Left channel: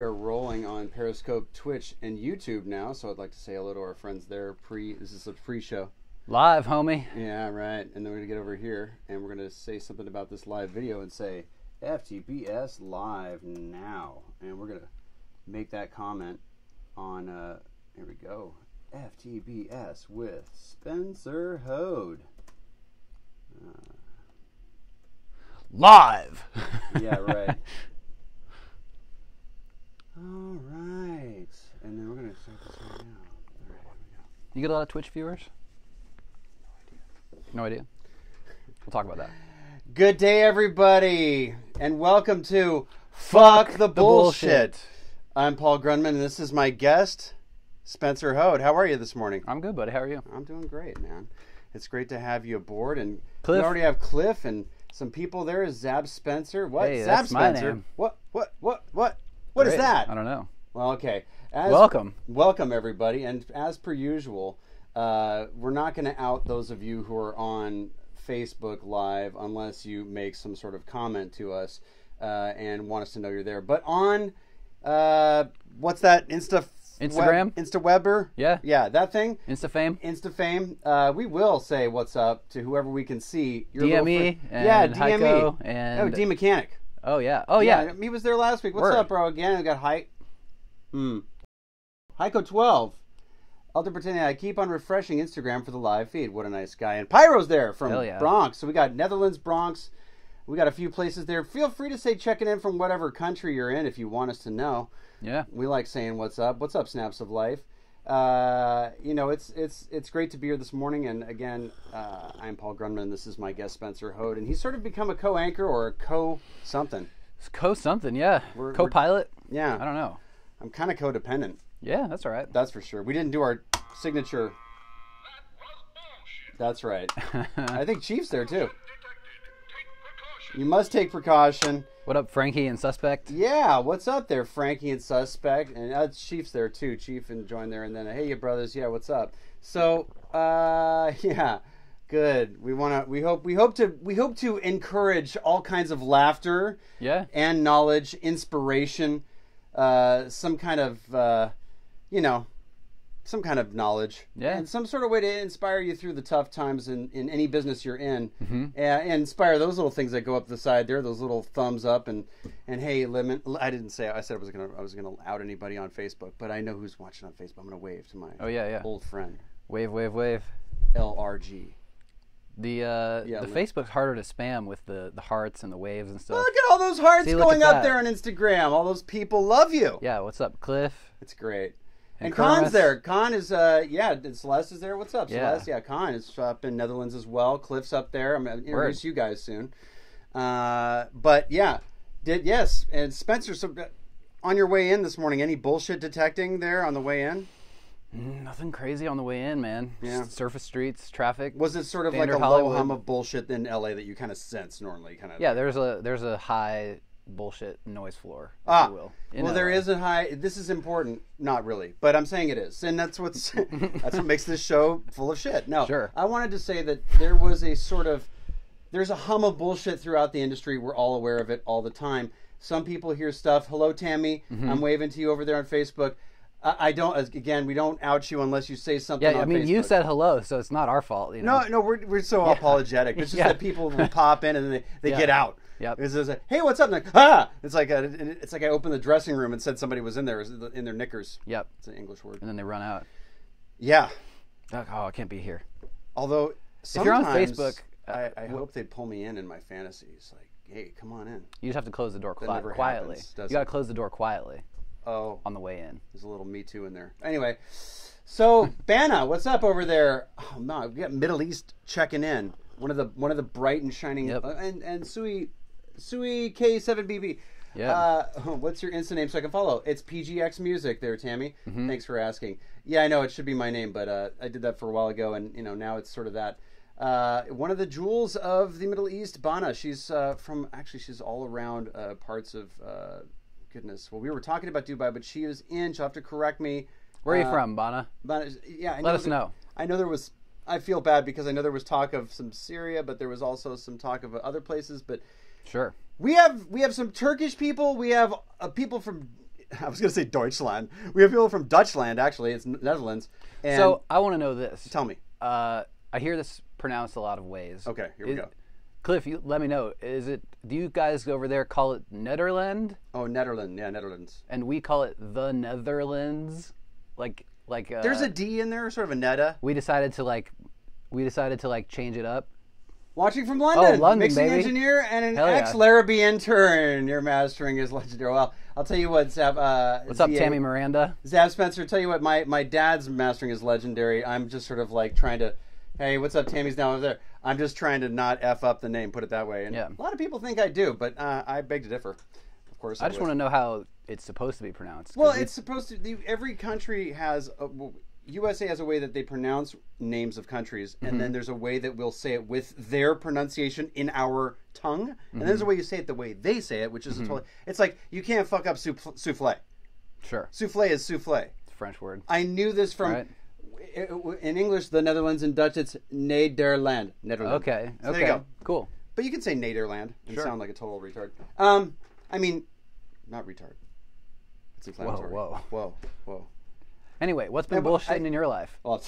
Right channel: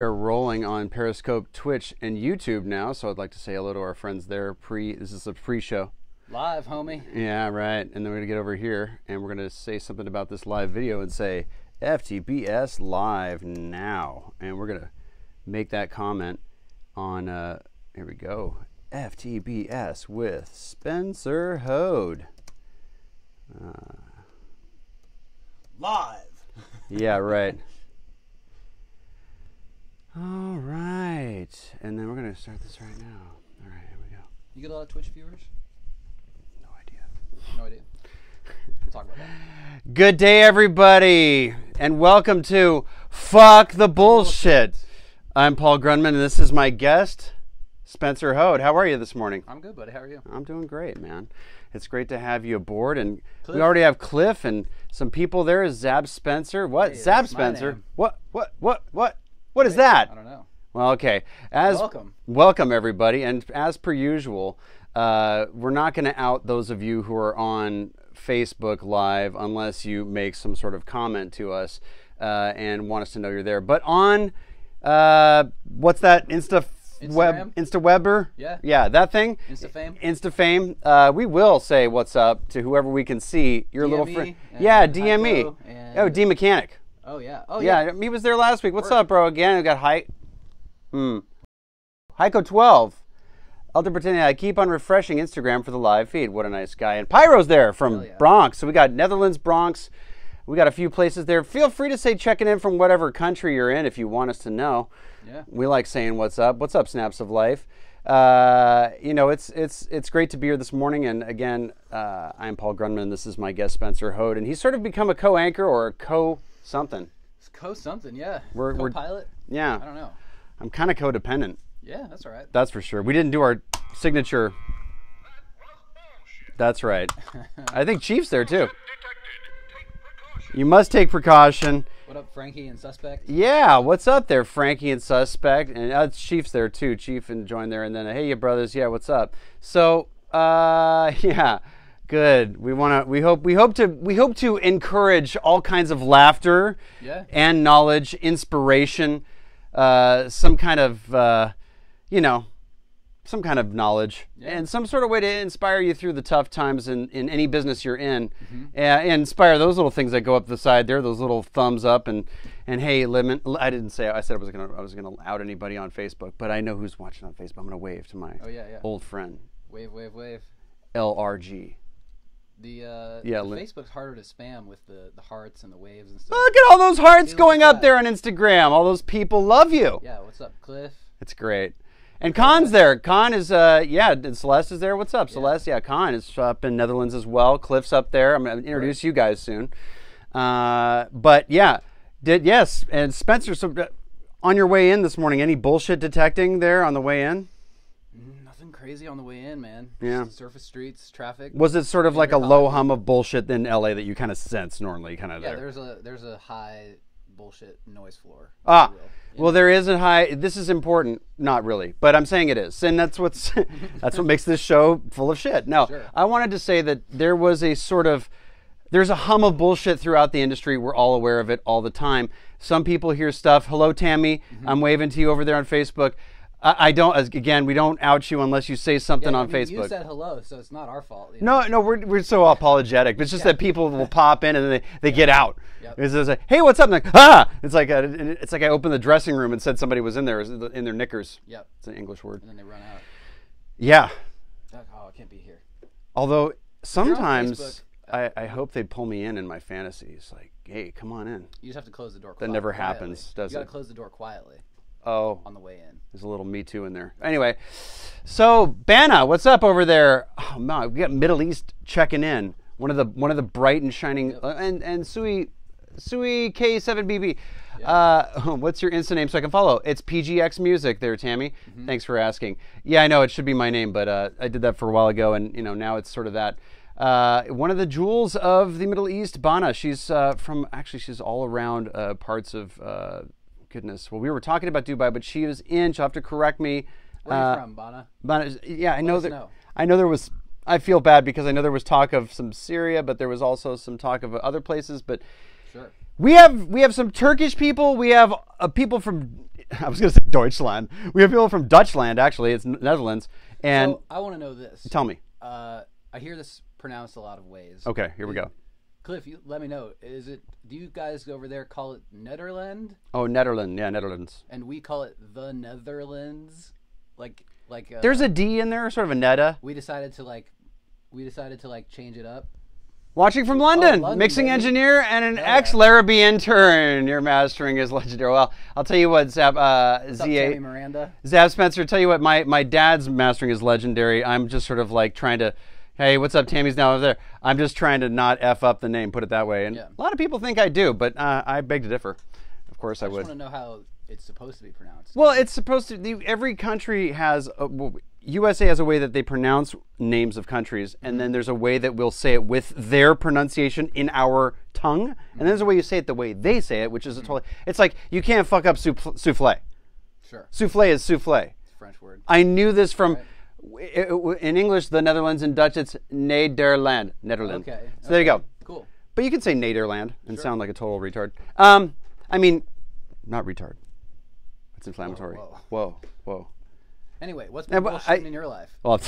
We're rolling on Periscope, Twitch, and YouTube now, so I'd like to say hello to our friends there. This is a pre-show. Live, homie. Yeah, right. And then we're going to get over here, and we're going to say something about this live video and say, FTBS live now. And we're going to make that comment on, here we go, FTBS with Spencer Hode. Live. Yeah, right. All right, and then we're going to start this right now. All right, here we go. You get a lot of Twitch viewers? No idea. No idea. We'll talk about that. Good day, everybody, and welcome to Fuck the Bullshit. I'm Paul Grundman, and this is my guest, Spencer Hode. How are you this morning? I'm good, buddy. How are you? I'm doing great, man. It's great to have you aboard, and Cliff. we already have Cliff and some people there. Zab Spencer. What? Hey, Zab that's my Spencer. name. What is Great. that? I don't know. Well, okay. Welcome, everybody. And as per usual, we're not going to out those of you who are on Facebook Live unless you make some sort of comment to us and want us to know you're there. But on, what's that? Instagram? InstaWebber? Yeah. Yeah, that thing? InstaFame? InstaFame. We will say what's up to whoever we can see. Your little DME. friend. Yeah, DME. Heiko and Oh, D Mechanic. Oh, yeah. Oh, yeah. He was there last week. What's Word. up, bro? Again, we got Heiko 12. Elder pretending I keep on refreshing Instagram for the live feed. What a nice guy. And Pyro's there from Hell yeah. Bronx. So we got Netherlands, Bronx. We got a few places there. Feel free to say checking in from whatever country you're in if you want us to know. Yeah. We like saying what's up. What's up, Snaps of Life? It's great to be here this morning. And again, I'm Paul Grundman, and this is my guest, Spencer Hode. And he's sort of become a co-anchor or a co-something. It's co-something, yeah. We're Co-pilot? Yeah. I don't know. I'm kind of codependent. Yeah, that's all right. That's for sure. We didn't do our signature. That's right. I think Chief's there too. You must take precaution. What up, Frankie and Suspect? Yeah, what's up there, Frankie and Suspect? And Chief's there too. Chief and join there, and then hey, you brothers. Yeah, what's up? So, yeah, good. We hope to encourage all kinds of laughter, Yeah. and knowledge, inspiration, some kind of some kind of knowledge, Yeah. and some sort of way to inspire you through the tough times in any business you're in, Mm-hmm. and inspire those little things that go up the side there, those little thumbs up, and hey, I said I was gonna out anybody on Facebook, but I know who's watching on Facebook. I'm gonna wave to my Yeah. old friend Wave, wave, wave. LRG. The Facebook's harder to spam with the hearts and the waves and stuff. Look at all those hearts See, look going at up that. there on Instagram. All those people love you. Yeah, what's up, Cliff? It's great. And Khan's there. Khan is, and Celeste is there. What's up, Yeah. Celeste? Yeah, Khan is up in Netherlands as well. Cliff's up there. I'm going to introduce you guys soon. But yeah, yes. And Spencer, so on your way in this morning, any bullshit detecting there on the way in? Nothing crazy on the way in, man. Yeah. Just surface streets, traffic. Was it sort of like a Standard low Hollywood. hum of bullshit in LA that you kind of sense normally? Yeah, there's a high bullshit noise floor. if Ah, you will. well, there is a high. This is important, not really, but I'm saying it is, and that's what makes this show full of shit. No, Sure. I wanted to say that there's a hum of bullshit throughout the industry. We're all aware of it all the time. Some people hear stuff. Hello, Tammy. Mm-hmm. I'm waving to you over there on Facebook. I don't. Again, we don't out you unless you say something Yeah, on I mean, Facebook. you said hello, so it's not our fault. You know? No, we're so apologetic. It's just Yeah. that people will pop in and they get out. Yep. It's just like, hey, what's up? And like, ah! It's like I opened the dressing room and said somebody was in there in their knickers. Yep. It's an English word. And then they run out. Yeah. Like, oh, I can't be here. Although you're on sometimes Facebook, I hope they'd pull me in my fantasies. Like, hey, come on in. You just have to close the door That never quietly. happens, does You got it? to close the door quietly Oh, on the way in. there's a little Me Too in there. Anyway, so Bana, what's up over there? Oh man, we got Middle East checking in. One of the bright and shining Yep. and Sui K7BB. Yeah. What's your Insta name so I can follow? It's PGXMUSIC there, Tammy. Thanks for asking. Yeah, I know it should be my name, but I did that for a while ago, and now it's sort of that. One of the jewels of the Middle East, Bana. She's she's all around parts of. Goodness. Well, we were talking about Dubai, but she was in. She'll have to correct me. Where are you from, Bana? Bana, yeah, I know. Let us know. I know there was. I feel bad because I know there was talk of some Syria, but there was also some talk of other places. But Sure. we have some Turkish people. We have people from I was going to say Deutschland. We have people from Dutchland, actually. It's Netherlands. And so I want to know this. Tell me. I hear this pronounced a lot of ways. Okay, here we go. Cliff, let me know. Do you guys over there call it Nederland? Oh, Netherlands. Yeah, Netherlands. And we call it the Netherlands? There's a D in there, sort of a netta. We decided to change it up. Watching from London, London, mixing baby. engineer and an ex-Larrabee intern. Your mastering is legendary. Well, I'll tell you what, Zap. What's up, Tammy Miranda? Zap Spencer, tell you what, my dad's mastering is legendary. I'm just sort of like trying to, hey, what's up, Tammy's now over there. I'm just trying to not F up the name, put it that way. And a lot of people think I do, but I beg to differ. Of course I would. I just want to know how it's supposed to be pronounced. Well, it's supposed to, every country has, USA has a way that they pronounce names of countries, and then there's a way that we'll say it with their pronunciation in our tongue, and then there's a way you say it the way they say it, which is a totally, it's like, you can't fuck up souffle. Sure. Souffle is souffle. It's a French word. I knew this from, right. In English, the Netherlands, in Dutch, it's Nederland. Okay. So there you go. Cool. But you can say Nederland and sound like a total retard. I mean, not retard. It's inflammatory. Whoa. Anyway, what's been bullshitting in your life? Well,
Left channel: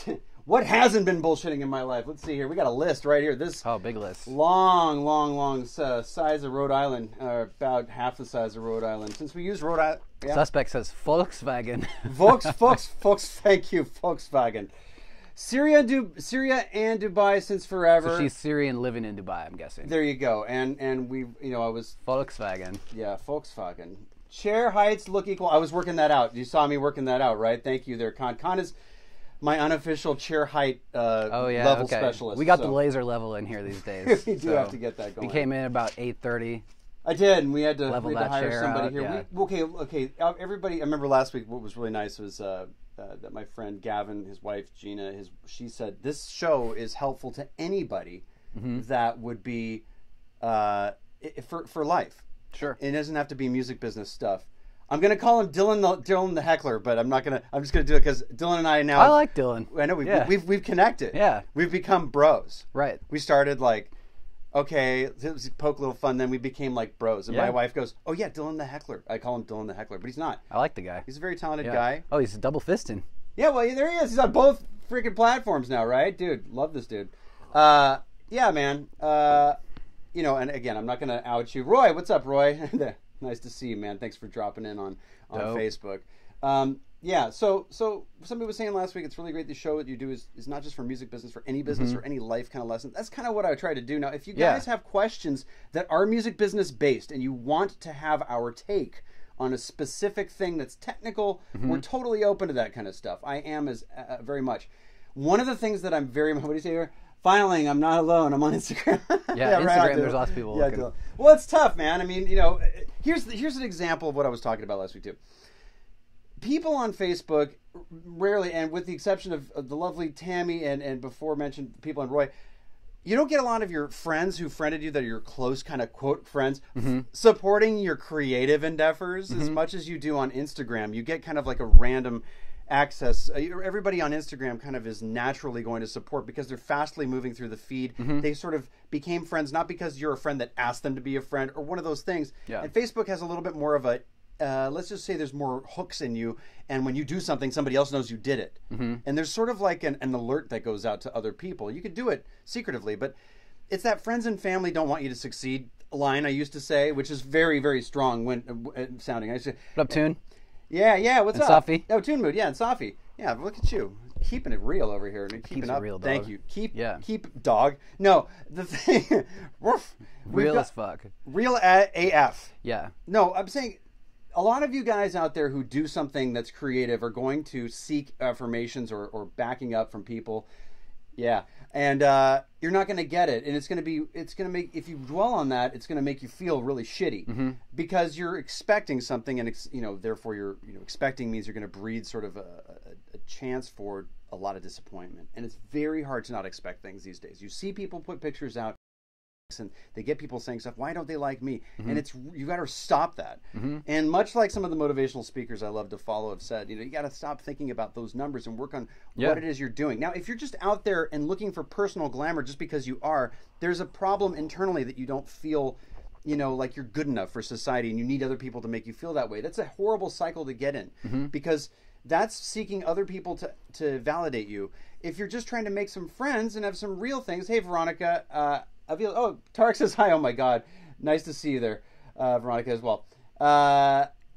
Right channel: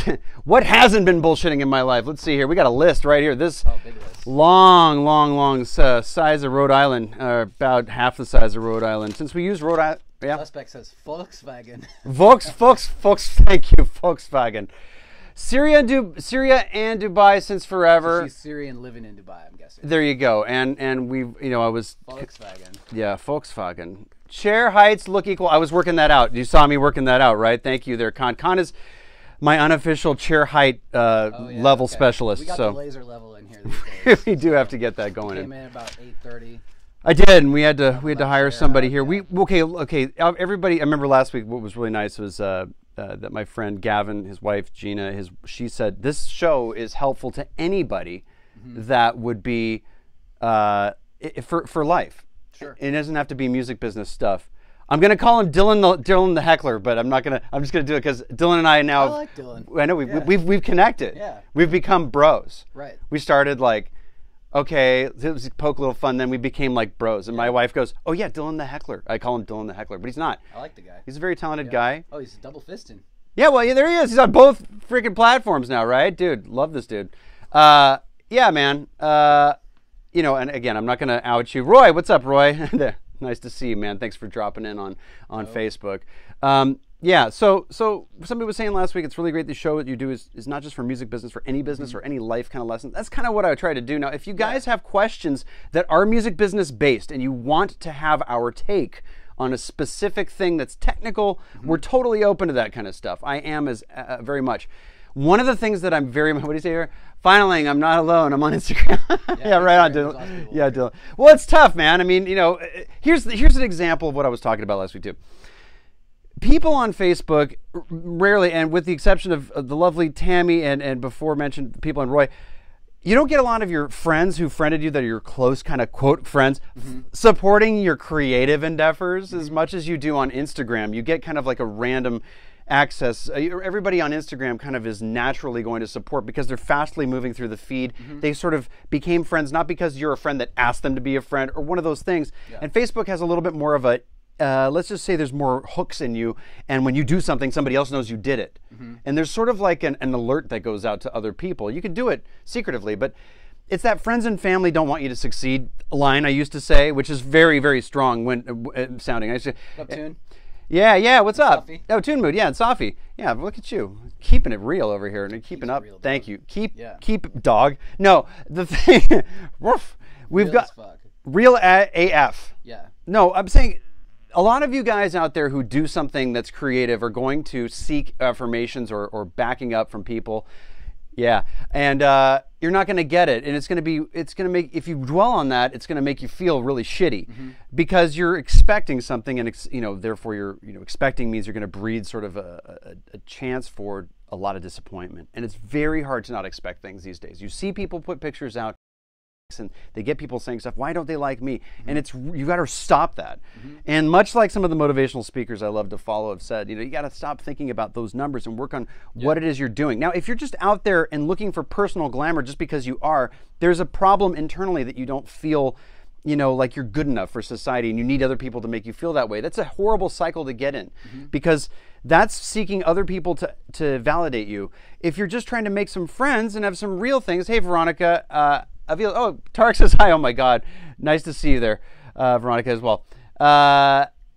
what hasn't been bullshitting in my life? Let's see here. We got a list right here. This big list. Long size of Rhode Island, about half the size of Rhode Island. Since we use Rhode Island, Suspect says Volkswagen. Thank you, Volkswagen. Syria and Dubai since forever. So she's Syrian living in Dubai, I'm guessing. There you go. And we've, I was Volkswagen. Yeah, Volkswagen. Chair heights look equal. I was working that out. You saw me working that out, right? Thank you there, Con. Con is my unofficial chair height level specialist. We got the laser level in here these days. We do have to get that going. We came in about 8:30. I did, and we had to hire somebody here. Yeah. Okay. Everybody, I remember last week what was really nice was that my friend Gavin, his wife Gina, she said this show is helpful to anybody that would be for life. Sure. It doesn't have to be music business stuff. I'm gonna call him Dylan the heckler, but I'm just gonna do it because Dylan and I now. I like Dylan. I know we've connected. Yeah. We've become bros. Right. We started like, okay, it was poke a little fun. Then we became like bros, and my wife goes, "Oh yeah, Dylan the heckler." I call him Dylan the heckler, but he's not. I like the guy. He's a very talented guy. Oh, he's double fisting. Yeah, well, there he is. He's on both freaking platforms now, right, dude? Love this dude. Yeah, man. And again, I'm not gonna out you, Roy. What's up, Roy? There. Nice to see you, man. Thanks for dropping in on Facebook. So somebody was saying last week, it's really great. The show that you do is not just for music business, for any business or any life kind of lesson. That's kind of what I try to do. Now, if you guys have questions that are music business based and you want to have our take on a specific thing that's technical, we're totally open to that kind of stuff. I am as very much. One of the things that I'm very, what do you say here? Finally, I'm not alone. I'm on Instagram. Yeah, right. There's lots of people. Yeah, well, it's tough, man. I mean, here's an example of what I was talking about last week too. People on Facebook rarely, and with the exception of the lovely Tammy and before mentioned people and Roy, you don't get a lot of your friends who friended you that are your close kind of quote friends supporting your creative endeavors as much as you do on Instagram. You get kind of like a random access. Everybody on Instagram kind of is naturally going to support because they're fastly moving through the feed. They sort of became friends not because you're a friend that asked them to be a friend or one of those things. Yeah. And Facebook has a little bit more of a let's just say there's more hooks in you, and when you do something, somebody else knows you did it. And there's sort of like an alert that goes out to other people. You can do it secretively, but it's that friends and family don't want you to succeed line I used to say, which is very, very strong when sounding. I used to, what up, Tune? Yeah, what's up? Safi? Oh, Tune Mood, and Safi. Yeah, look at you. Keeping it real over here. Keeping up. Real, thank you. Keep dog. No, the thing, we've real got as fuck. Real AF. Yeah. No, I'm saying a lot of you guys out there who do something that's creative are going to seek affirmations or backing up from people. Yeah, and you're not going to get it, and it's going to make, if you dwell on that, it's going to make you feel really shitty because you're expecting something, and therefore you're expecting means you're going to breed sort of a chance for a lot of disappointment, and it's very hard to not expect things these days. You see people put pictures out, and they get people saying stuff, why don't they like me? And you got to stop that. And much like some of the motivational speakers I love to follow have said, you got to stop thinking about those numbers and work on what it is you're doing. Now, if you're just out there and looking for personal glamour just because you are, there's a problem internally that you don't feel you know, like you're good enough for society and you need other people to make you feel that way. That's a horrible cycle to get in because that's seeking other people to validate you. If you're just trying to make some friends and have some real things, hey, Veronica, Tarek says hi, oh my God. Nice to see you there, Veronica as well.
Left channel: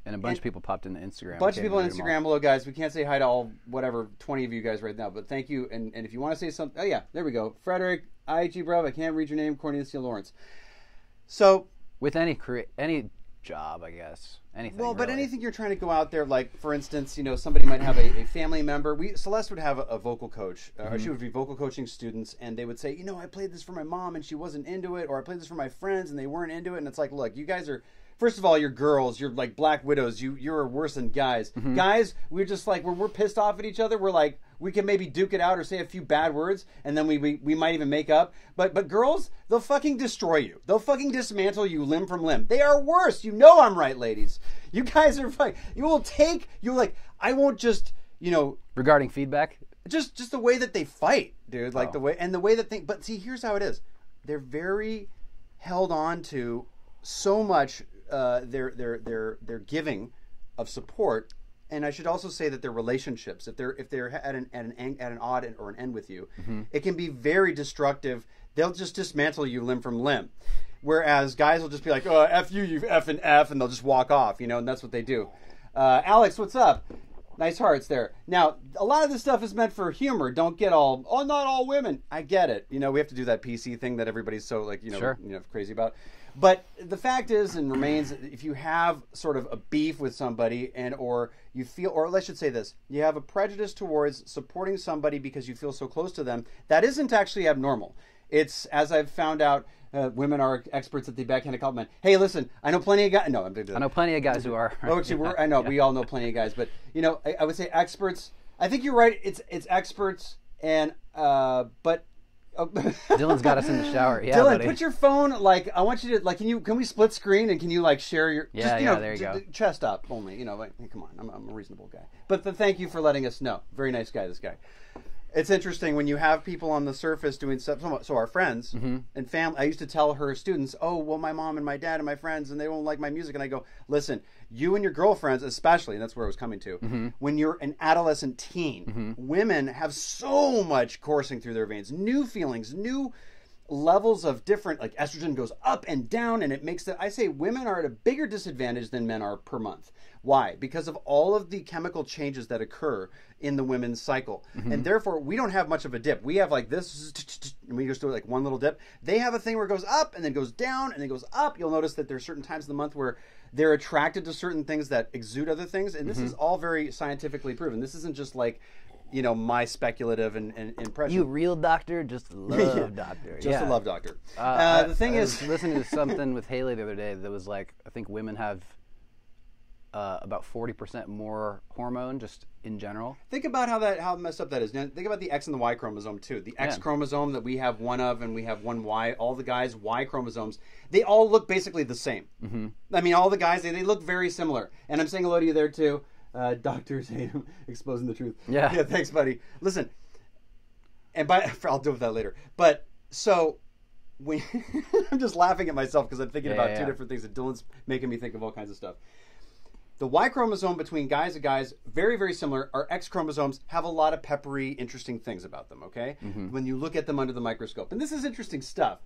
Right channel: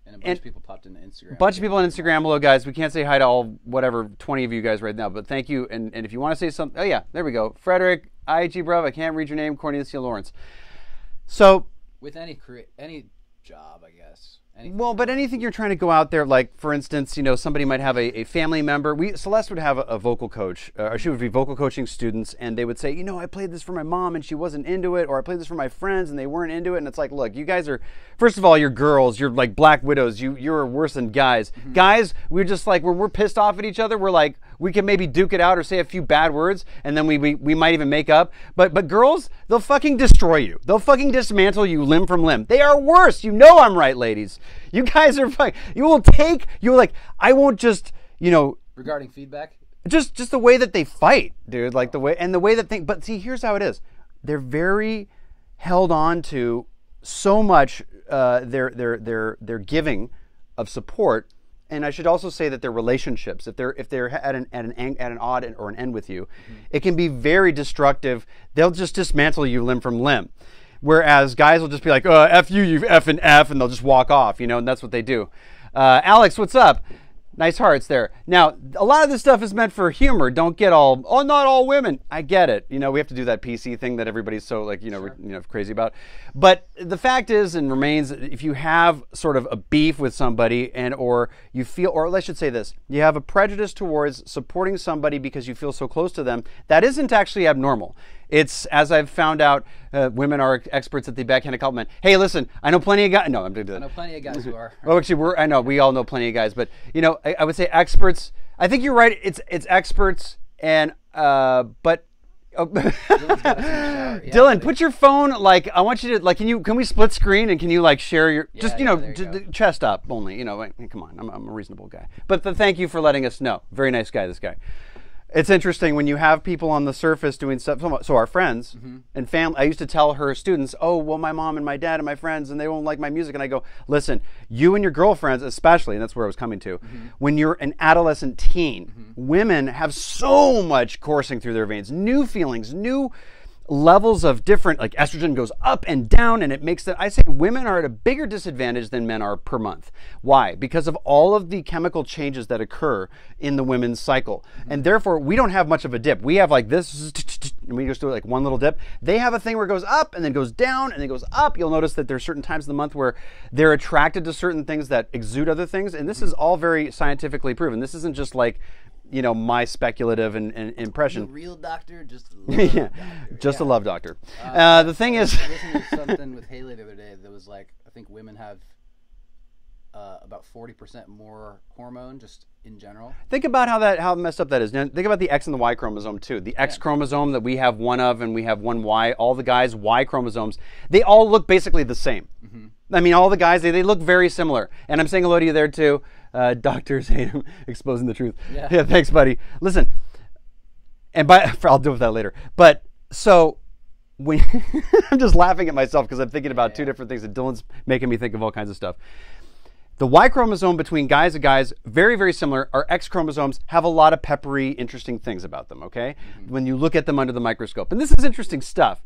And a bunch of people popped into Instagram. A bunch of people on Instagram. Hello, guys. We can't say hi to all, 20 of you guys right now, but thank you. And if you want to say something, oh, yeah, there we go. Frederick, IHG Bravo, I can't read your name, Cornelia Lawrence. So, with any job, I guess. Anything, well, but anything you're trying to go out there, like, for instance, you know, somebody might have a family member. Celeste would have a vocal coach, or she would be vocal coaching students, and they would say, you know, I played this for my mom, and she wasn't into it, or I played this for my friends, and they weren't into it, and it's like, look, you guys are, first of all, you're girls, you're like black widows, you're worse than guys. Guys, we're just like, when we're pissed off at each other, we're like, we can maybe duke it out or say a few bad words, and then we might even make up. But girls, they'll fucking destroy you. They'll fucking dismantle you limb from limb. They are worse. You know I'm right, ladies. You guys are fucking, you're like, I won't just, you know. Regarding feedback? Just the way that they fight, dude. Like the way that they, but see, here's how it is. They're very held on to so much their giving of support. And I should also say that their relationships, if they're at an odd or an end with you, it can be very destructive. They'll just dismantle you limb from limb. Whereas guys will just be like, F you, you F and F, and they'll just walk off, you know, and that's what they do. Alex, what's up? Nice hearts there. Now, a lot of this stuff is meant for humor. Don't get all, not all women. I get it. You know, we have to do that PC thing that everybody's so, like, crazy about. But the fact is and remains, if you have sort of a beef with somebody or you feel, or I should say this, you have a prejudice towards supporting somebody because you feel so close to them, that isn't actually abnormal. It's, as I've found out, women are experts at the backhanded compliment. Hey, listen, I know plenty of guys. No, I'm doing that. I know plenty of guys who are. Oh, actually, I know we all know plenty of guys, but you know, I would say experts. I think you're right. It's experts, but. Dylan's got us in the shower. Yeah, Dylan, put your phone, like, I want you to, like, can we split screen and can you, like, share your, chest up only, you know, like, come on, I'm a reasonable guy. But thank you for letting us know. Very nice guy, this guy. It's interesting when you have people on the surface doing stuff. So our friends and family, I used to tell her students, oh, well, my mom and my dad and my friends, and they won't like my music. And I go, listen, you and your girlfriends, especially, and that's where I was coming to, when you're an adolescent teen, women have so much coursing through their veins, new feelings, new levels of different, like estrogen goes up and down, and it makes I say women are at a bigger disadvantage than men are per month. Why? Because of all of the chemical changes that occur in the women's cycle. And therefore, we don't have much of a dip. We have like this, and we just do it like one little dip. They have a thing where it goes up and then goes down and then goes up. You'll notice that there's certain times of the month where they're attracted to certain things that exude other things. And this is all very scientifically proven. This isn't just like, you know, my speculative and impression. You real doctor, just a love doctor. Just a love doctor. The thing is, I listened to something with Haley the other day that was like, I think women have about 40% more hormone just in general. Think about how messed up that is. Now, think about the X and the Y chromosome too. The X chromosome that we have one of, and we have one Y. All the guys' Y chromosomes, they all look basically the same. I mean, all the guys, they look very similar. And I'm saying hello to you there too. Doctors hate him exposing the truth. Yeah, thanks, buddy. Listen, and I'll deal with that later. But so when I'm just laughing at myself because I'm thinking about two different things, and Dylan's making me think of all kinds of stuff. The Y chromosome between guys and guys, very, very similar. Our X chromosomes have a lot of peppery, interesting things about them, okay? When you look at them under the microscope. And this is interesting stuff.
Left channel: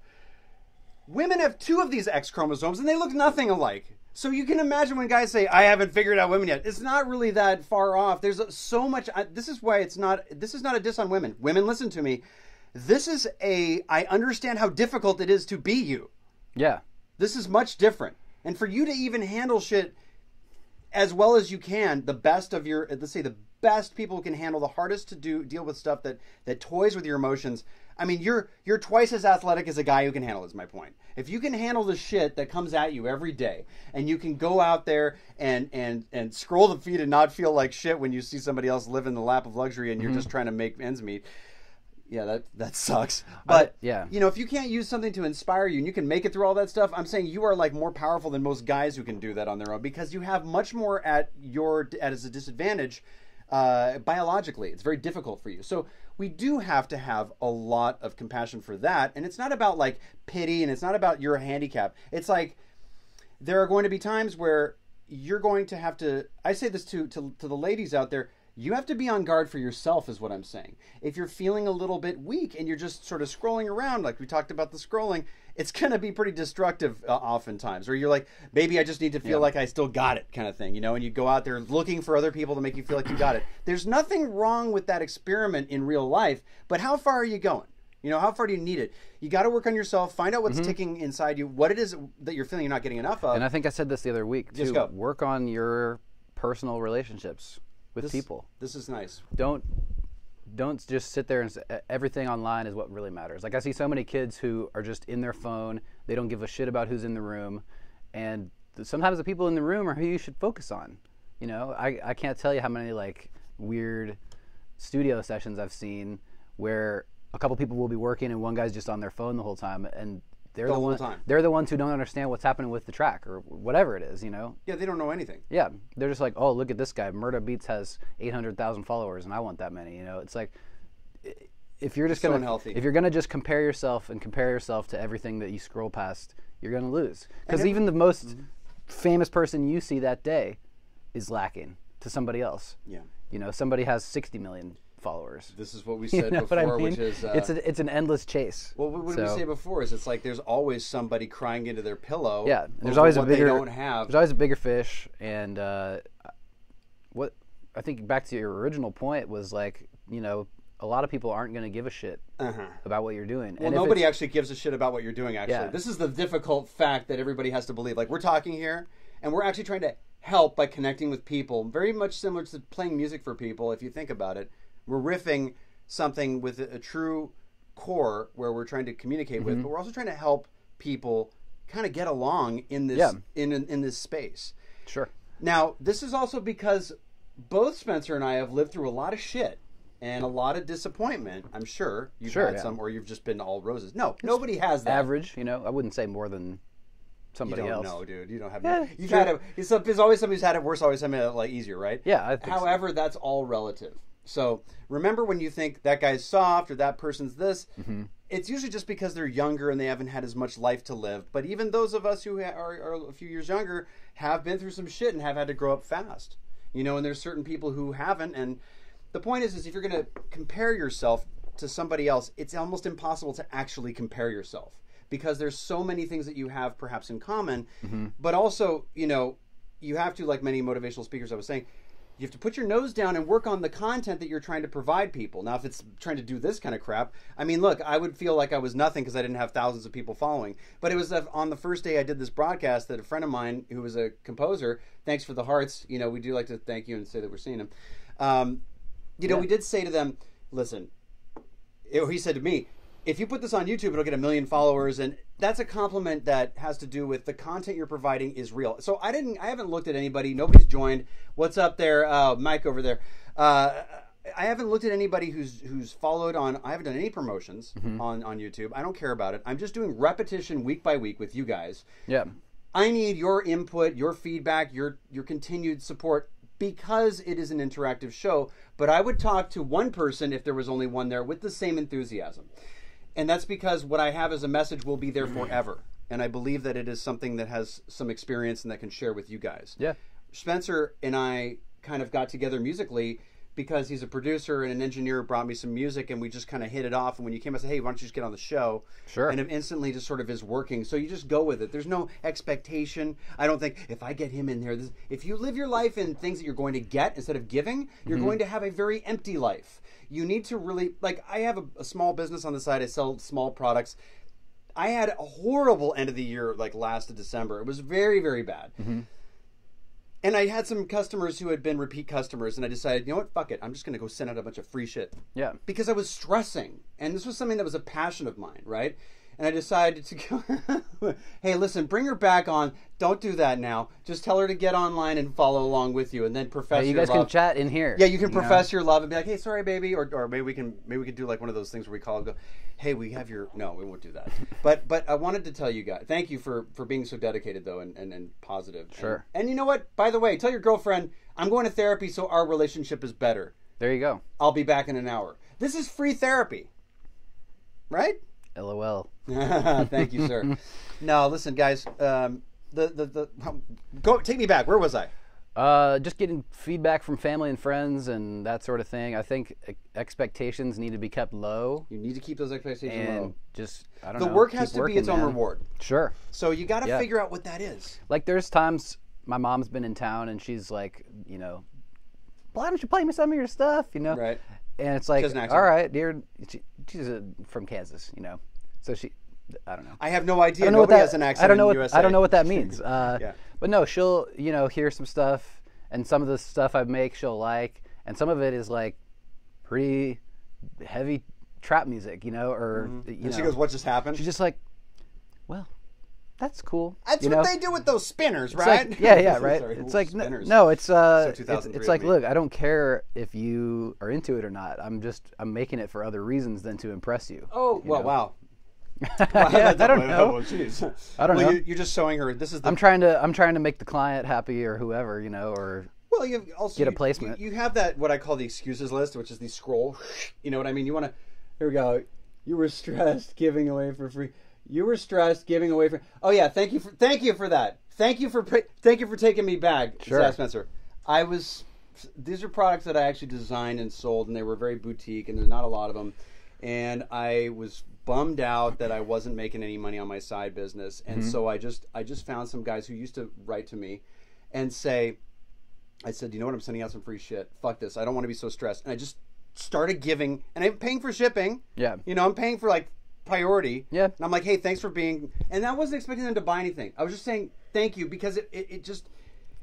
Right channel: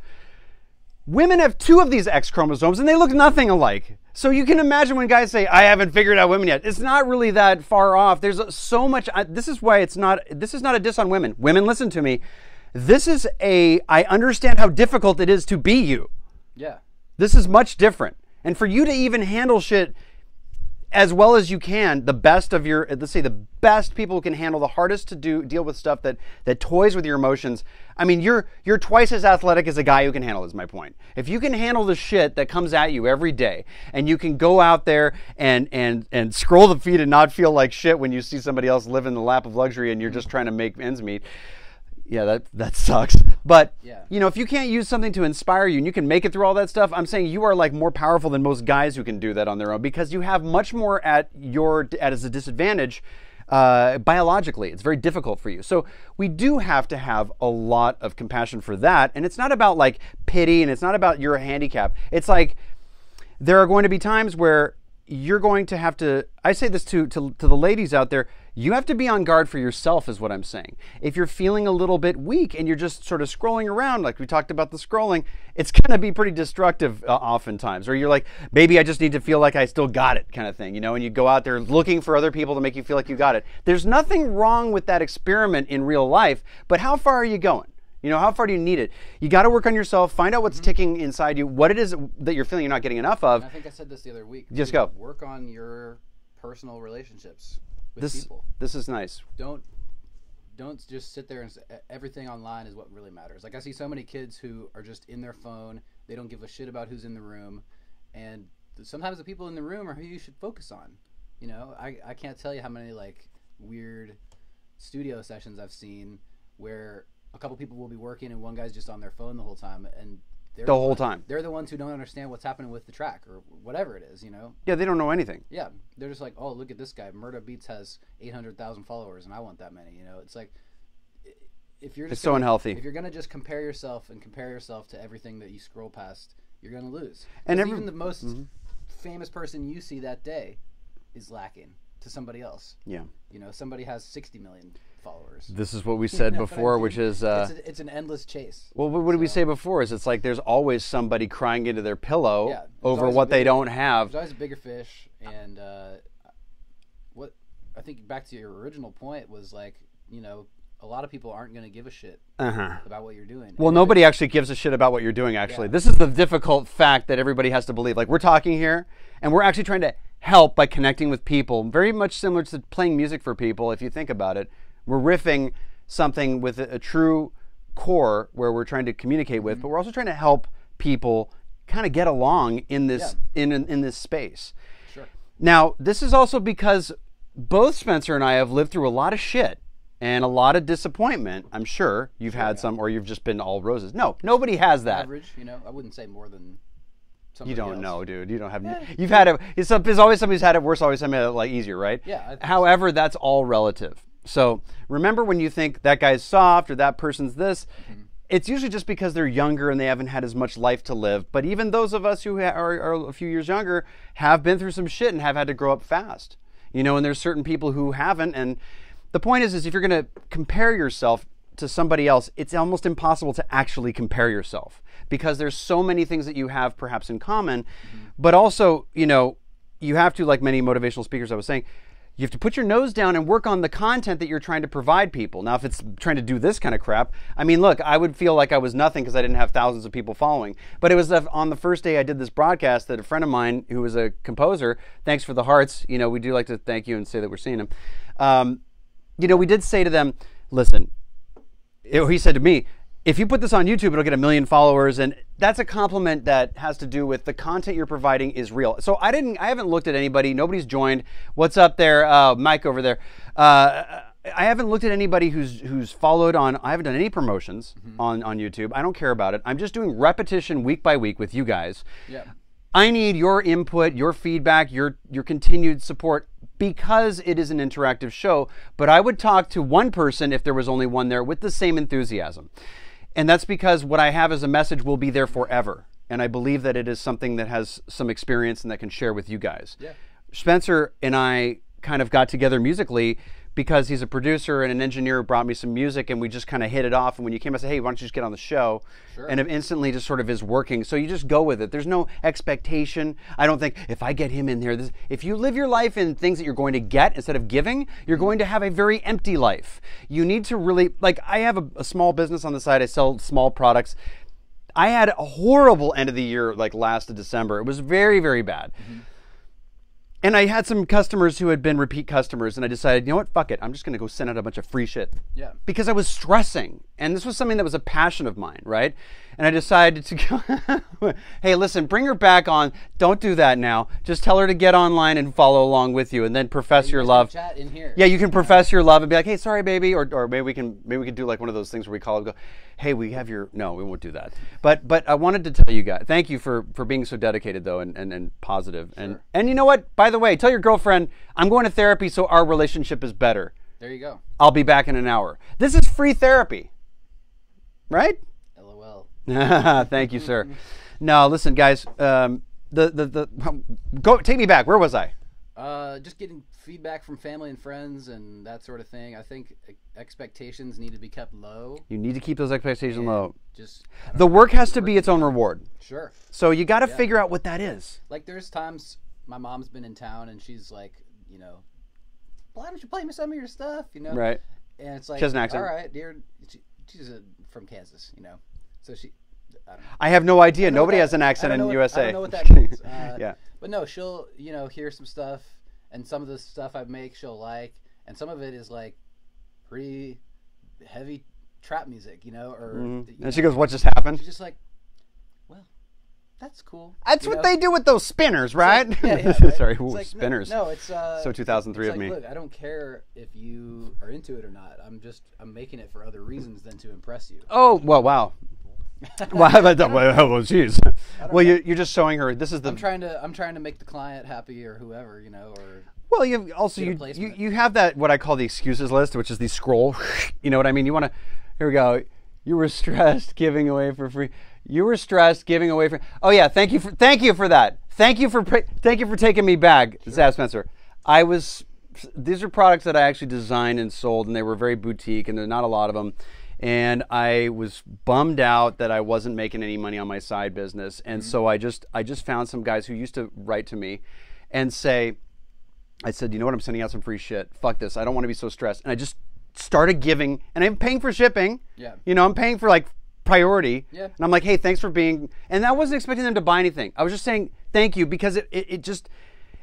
Women have 2 of these X chromosomes, and they look nothing alike. So you can imagine when guys say, I haven't figured out women yet. It's not really that far off. There's so much. This is why this is not a diss on women. Women, listen to me. I understand how difficult it is to be you. Yeah. This is much different. And for you to even handle shit as well as you can, the best of your, let's say the best people can handle the hardest to deal with stuff that toys with your emotions. I mean, you're twice as athletic as a guy who can handle it, is my point. If you can handle the shit that comes at you every day, and you can go out there and scroll the feed and not feel like shit when you see somebody else live in the lap of luxury and you're just trying to make ends meet. Yeah, that sucks. But, you know, if you can't use something to inspire you and you can make it through all that stuff, I'm saying you are like more powerful than most guys who can do that on their own because you have much more as a disadvantage biologically. It's very difficult for you. So we do have to have a lot of compassion for that. And it's not about like pity and it's not about your handicap. It's like there are going to be times where you're going to have to, I say this to the ladies out there, you have to be on guard for yourself is what I'm saying. If you're feeling a little bit weak and you're just sort of scrolling around, like we talked about the scrolling, it's going to be pretty destructive oftentimes. Or you're like, maybe I just need to feel like I still got it kind of thing, you know, and you go out there looking for other people to make you feel like you got it. There's nothing wrong with that experiment in real life, but how far are you going? You know, how far do you need it? You got to work on yourself, find out what's ticking inside you, what it is that you're feeling you're not getting enough of. And I think I said this the other week, too. Just go. Work on your personal relationships with people. This is nice. Don't just sit there and say everything online is what really matters. Like I see so many kids who are just in their phone. They don't give a shit about who's in the room. And sometimes the people in the room are who you should focus on. You know, I can't tell you how many like weird studio sessions I've seen where a couple people will be working and one guy's just on their phone the whole time, and they're the whole time they're the ones who don't understand what's happening with the track or whatever it is, you know. Yeah, they don't know anything. Yeah, they're just like, oh, look at this guy, Murda Beats has 800,000 followers and I want that many, you know. It's like, if you're just so unhealthy. If you're gonna just compare yourself to everything that you scroll past, you're gonna lose. And even the most famous person you see that day is lacking to somebody else. Yeah, you know, somebody has 60 million followers. This is what we said before, which is it's an endless chase. Well, what did we say before? Is it's like there's always somebody crying into their pillow over what they don't have. There's always a bigger fish, and what I think back to your original point was like, you know, a lot of people aren't going to give a shit about what you're doing. Well, nobody actually gives a shit about what you're doing. Actually, this is the difficult fact that everybody has to believe. Like we're talking here, and we're actually trying to help by connecting with people. Very much similar to playing music for people, if you think about it. We're riffing something with a true core where we're trying to communicate with, but we're also trying to help people kind of get along in this in this space. Sure. Now, this is also because both Spencer and I have lived through a lot of shit and a lot of disappointment. I'm sure you've had some, or you've just been all roses. No, nobody has that. Average, you know. I wouldn't say more than somebody else. You don't know, dude. You don't have. You've had it. There's always somebody who's had it worse. Always somebody like easier, right? Yeah. However, that's all relative. So remember when you think that guy's soft or that person's this, it's usually just because they're younger and they haven't had as much life to live. But even those of us who are a few years younger have been through some shit and have had to grow up fast. You know, and there's certain people who haven't. And the point is if you're going to compare yourself to somebody else, it's almost impossible to actually compare yourself because there's so many things that you have perhaps in common. But also, you know, you have to, like many motivational speakers I was saying, you have to put your nose down and work on the content that you're trying to provide people. Now, if it's trying to do this kind of crap, I mean, look, I would feel like I was nothing because I didn't have thousands of people following. But it was on the first day I did this broadcast that a friend of mine who was a composer, thanks for the hearts, you know, we do like to thank you and say that we're seeing him. You know, we did say to them, listen, he said to me, if you put this on YouTube, it'll get 1 million followers, and that's a compliment that has to do with the content you're providing is real. So I haven't looked at anybody. Nobody's joined. What's up there, Mike over there? I haven't looked at anybody who's followed on. I haven't done any promotions on YouTube. I don't care about it. I'm just doing repetition week by week with you guys. Yeah. I need your input, your feedback, your continued support because it is an interactive show. But I would talk to one person if there was only one there with the same enthusiasm. And that's because what I have as a message will be there forever. And I believe that it is something that has some experience and that can share with you guys. Yeah. Spencer and I kind of got together musically because he's a producer and an engineer who brought me some music, and we just kind of hit it off. And when you came, I said, hey, why don't you just get on the show? Sure. And it instantly just sort of is working. So you just go with it. There's no expectation. I don't think, if I get him in there, if you live your life in things that you're going to get instead of giving, you're going to have a very empty life. You need to really, like, I have a small business on the side. I sell small products. I had a horrible end of the year, like last December. It was very, very bad. And I had some customers who had been repeat customers, and I decided, you know what, fuck it. I'm just going to go send out a bunch of free shit. Yeah. Because I was stressing, and this was something that was a passion of mine, right? And I decided to go, hey, listen, bring her back on. Don't do that now. Just tell her to get online and follow along with you, and then profess your love. You guys can chat in here. Yeah, you can profess your love and be like, hey, sorry, baby, or maybe we can do like one of those things where we call it, go, hey, we have your, no, we won't do that. But I wanted to tell you guys, thank you for being so dedicated though and positive. Sure. And you know what? By the way, tell your girlfriend I'm going to therapy so our relationship is better. There you go. I'll be back in an hour. This is free therapy, right? LOL. Thank you, sir. No, listen, guys. go take me back. Where was I? Just getting feedback from family and friends and that sort of thing. I think expectations need to be kept low. You need to keep those expectations low. Just the work has to be its own reward. Sure. So you got to figure out what that is. Like there's times my mom's been in town and she's like, why don't you play me some of your stuff? Right. And it's like, all right, dear. She's from Kansas, so she. I don't know. I have no idea. Nobody has an accent in USA. I don't know what that means. Yeah. But no, she'll hear some stuff, and some of the stuff I make she'll like, and some of it is like pretty heavy trap music, or. And she goes, "What just happened?" She's just like, "Well, that's cool." That's what they do with those spinners, right? Like, yeah, right. Sorry, it's like spinners. No, it's so 2003. It's like, look, I don't care if you are into it or not. I'm making it for other reasons than to impress you. Oh well, wow. Well, jeez. I don't know. You're just showing her this is the. I'm trying to make the client happy or whoever, or. Well, you also get a placement. You have that what I call the excuses list, which is the scroll. You know what I mean? You want to. Here we go. You were stressed giving away for free. You were stressed giving away for. Oh yeah, thank you for that. Thank you for taking me back, Sure. Zab Spencer. These are products that I actually designed and sold, and they were very boutique, and there's not a lot of them. And I was bummed out that I wasn't making any money on my side business. And so I just found some guys who used to write to me and say, I said, you know what, I'm sending out some free shit. Fuck this. I don't want to be so stressed. And I just started giving, and I'm paying for shipping. Yeah. I'm paying for like priority. Yeah. And I'm like, hey, thanks for being, and I wasn't expecting them to buy anything. I was just saying thank you because it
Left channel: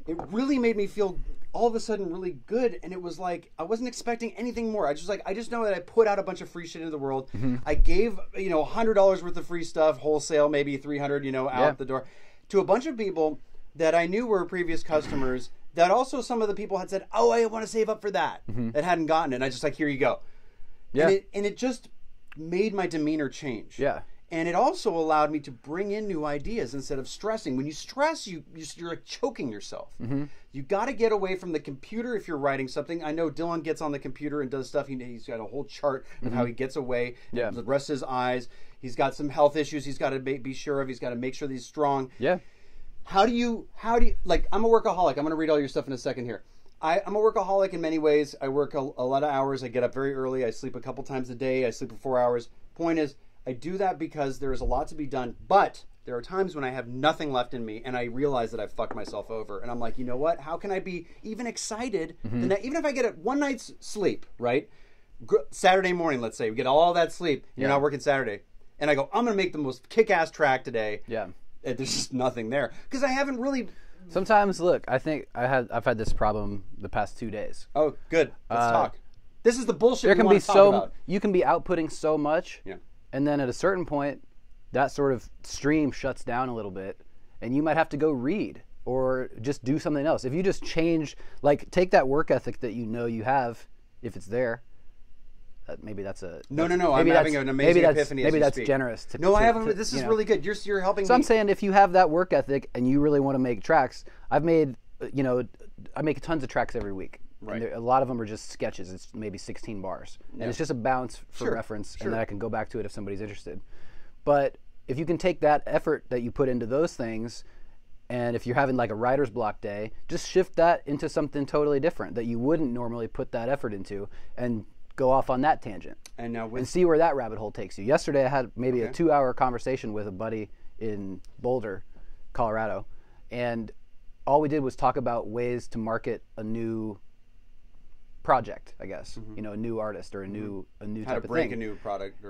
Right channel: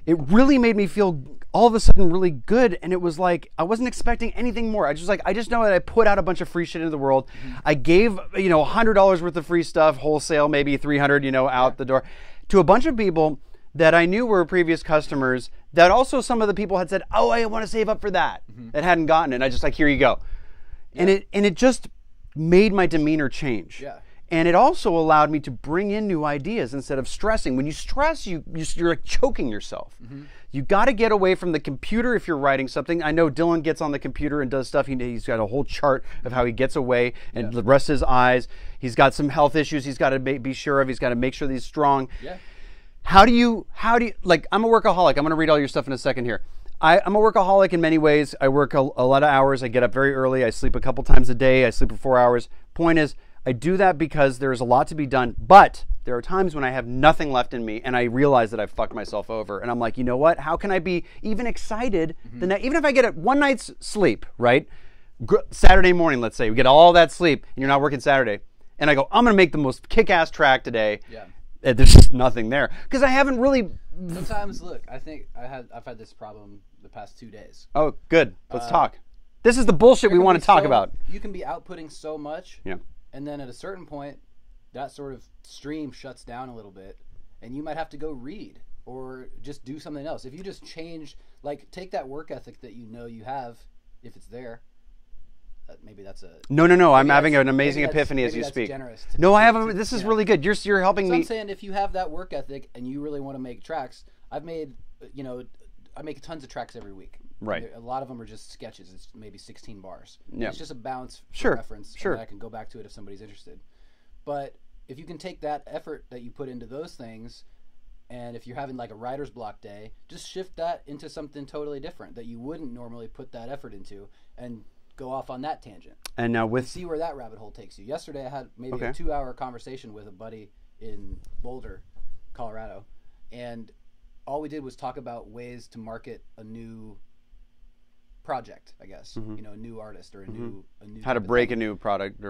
really made me feel all of a sudden really good, and it was like I wasn't expecting anything more. I just know that I put out a bunch of free shit into the world. I gave $100 worth of free stuff wholesale, maybe $300 out the door, to a bunch of people that I knew were previous customers. That also some of the people had said, "Oh, I want to save up for that," and hadn't gotten it. And I just like, here you go, and it just made my demeanor change. Yeah. And it also allowed me to bring in new ideas instead of stressing. When you stress, you're like choking yourself. You got to get away from the computer if you're writing something. I know Dylan gets on the computer and does stuff. He's got a whole chart of how he gets away and rests his eyes. He's got some health issues he's got to be sure of. He's got to make sure that he's strong. Yeah. How do you like? I'm a workaholic. I'm going to read all your stuff in a second here. I'm a workaholic in many ways. I work a lot of hours. I get up very early. I sleep a couple times a day. I sleep for 4 hours. Point is, I do that because there is a lot to be done, but there are times when I have nothing left in me and I realize that I've fucked myself over. And I'm like, you know what? How can I be even excited? Even if I get one night's sleep, right? Saturday morning, let's say, we get all that sleep and you're not working Saturday. And I go, I'm going to make the most kick-ass track today. Yeah. And there's just nothing there. Because I haven't really... Sometimes, look, I think I've had this problem the past 2 days. Oh, good. Let's talk. This is the bullshit we want to talk about. You can be outputting so much. Yeah. And then at a certain point, that sort of stream shuts down a little bit, and you might have to go read or just do something else. If you just change, like take that work ethic that you have, if it's there. Maybe that's a no. I'm having an amazing epiphany as you speak. Maybe that's generous. I have. This is really good. You're helping me. So I'm saying if you have that work ethic and you really want to make tracks, I've made I make tons of tracks every week. Right. A lot of them are just sketches. It's maybe 16 bars. Yeah. And it's just a bounce for reference, and then I can go back to it if somebody's interested. But if you can take that effort that you put into those things, and if you're having like a writer's block day, just shift that into something totally different that you wouldn't normally put that effort into, and go off on that tangent. And now and see where that rabbit hole takes you. Yesterday I had maybe a 2-hour conversation with a buddy in Boulder, Colorado, and all we did was talk about ways to market a new project, I guess. A new artist or a new how to break a new product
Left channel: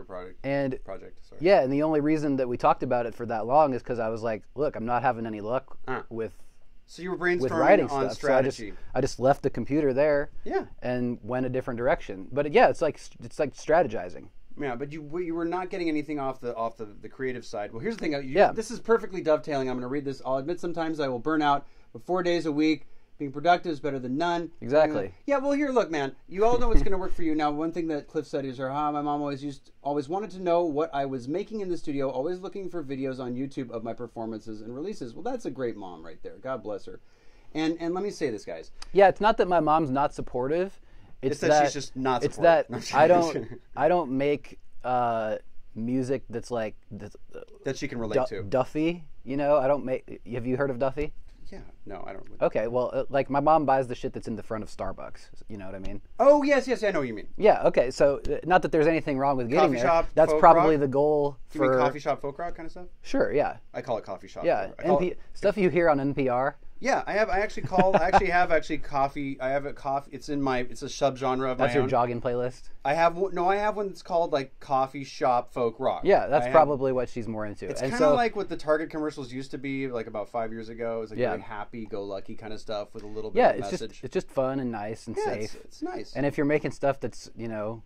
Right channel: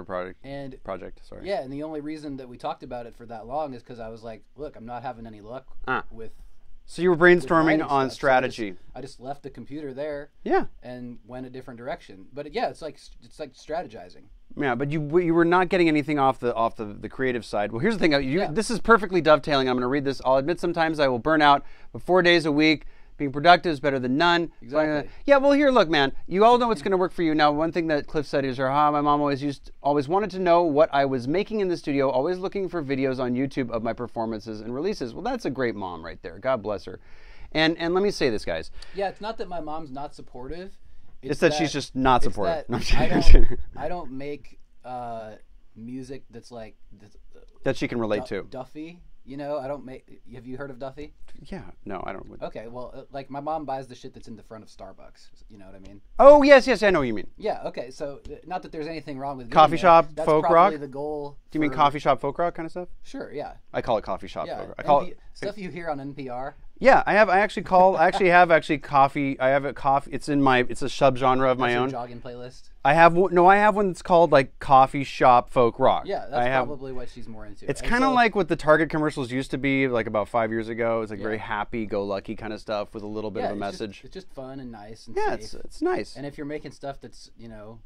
and project. Sorry. Yeah, and the only reason that we talked about it for that long is because I was like, look, I'm not having any luck with. So you were brainstorming on strategy. So I just left the computer there. Yeah. And went a different direction. But yeah, it's like strategizing. Yeah, but you were not getting anything off the creative side. Well, here's the thing. This is perfectly dovetailing. I'm going to read this. I'll admit sometimes I will burn out, but 4 days a week. Being productive is better than none. Exactly. Yeah, well, here, look, man. You all know what's going to work for you. Now, one thing that Cliff said is, my mom always wanted to know what I was making in the studio, always looking for videos on YouTube of my performances and releases. Well, that's a great mom right there. God bless her. And let me say this, guys. Yeah, it's not that my mom's not supportive. It's that she's just not supportive. It's that I don't make music that's like... that she can relate to. Duffy. You know, I don't make. Have you heard of Duffy? Yeah, no, I don't. Okay, well, like my mom buys the shit that's in the front of Starbucks. You know what I mean? Oh yes, I know what you mean. Yeah. Okay. So not that there's anything wrong with getting Coffee there. shop That's folk probably rock? the goal. Do you mean coffee shop folk rock kind of stuff? Sure. Yeah. I call it coffee shop. Yeah. Folk rock. I call it, Stuff you hear on NPR. yeah, I actually have coffee. I have a coffee. It's a subgenre of That's my your own. jogging playlist. I have one that's called like coffee shop folk rock. Yeah, that's probably what she's more into. It's kind of like what the Target commercials used to be, like about 5 years ago. It's like very happy-go-lucky kind of stuff with a little bit of a message. It's just fun and nice and yeah, safe. It's nice. And if you're making stuff that's, you know,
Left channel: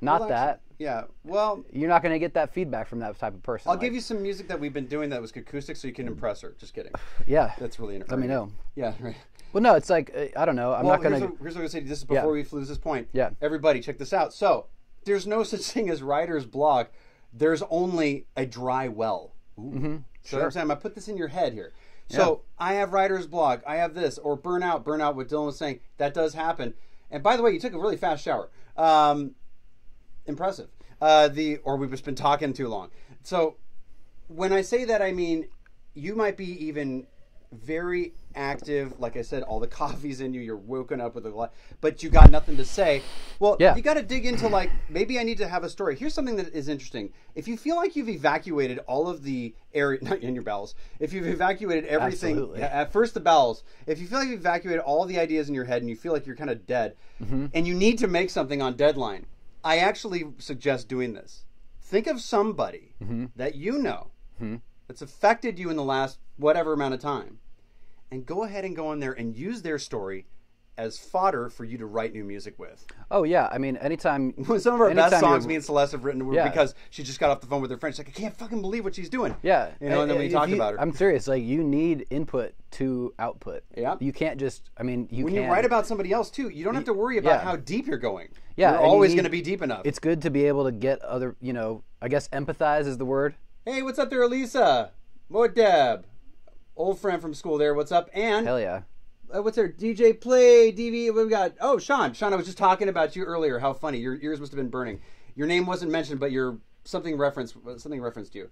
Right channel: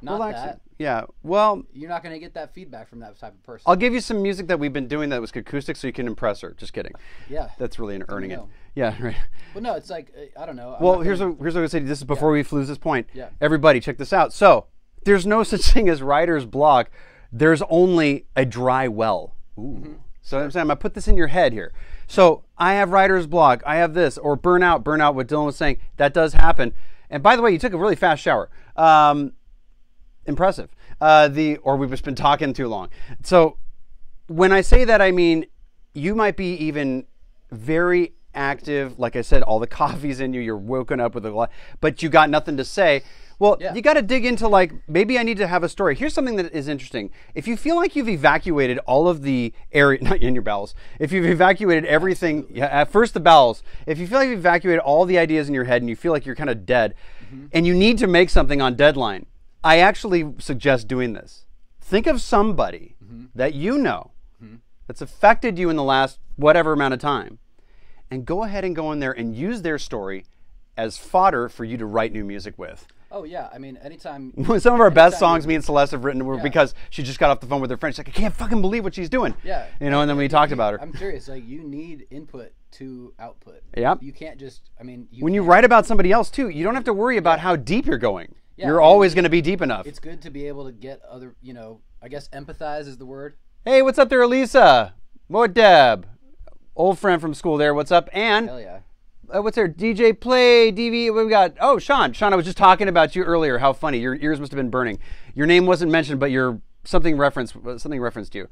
not that, yeah, well, you're not going to get that feedback from that type of person. I'll give you some music that we've been doing that was acoustic so you can impress her. Just kidding. Yeah. That's really Let me know. Yeah, right. Well, no, it's like, I don't know. Here's what I would say. This is before we lose this point. Yeah. Everybody, check this out. So, there's no such thing as writer's block. There's only a dry well. Mm-hmm. So I'm saying, I'm going to put this in your head here. So, I have writer's block. I have this. Or burnout, what Dylan was saying. That does happen. And by the way, you took a really fast shower. Impressive. Or we've just been talking too long. So, when I say that, I mean, you might be even very active. Like I said, all the coffee's in you. You're woken up with a lot, but you got nothing to say. Well, you got to dig into like, maybe I need to have a story. Here's something that is interesting. If you feel like you've evacuated all of the area, not in your bowels, if you've evacuated everything, at first the bowels, if you feel like you've evacuated all the ideas in your head and you feel like you're kind of dead and you need to make something on deadline, I actually suggest doing this. Think of somebody that you know that's affected you in the last whatever amount of time, and go ahead and go in there and use their story as fodder for you to write new music with. Oh, yeah. I mean, anytime... Some of our best songs me and Celeste have written were because she just got off the phone with her friend. She's like, I can't fucking believe what she's doing. Yeah. You know, and then we talked about her. I'm serious. Like, you need input to output. Yeah. You can't just... I mean, when you write about somebody else, too, you don't have to worry about how deep you're going. Yeah. You're always going to be deep enough. It's good to be able to get other, you know, I guess empathize is the word. Hey, what's up there, Elisa? What, Deb? Old friend from school there. What's up? And hell yeah. What's there? DJ Play, DV. What we got? Oh, Sean. Sean, I was just talking about you earlier. How funny. Your ears must have been burning. Your name wasn't mentioned, but something referenced you.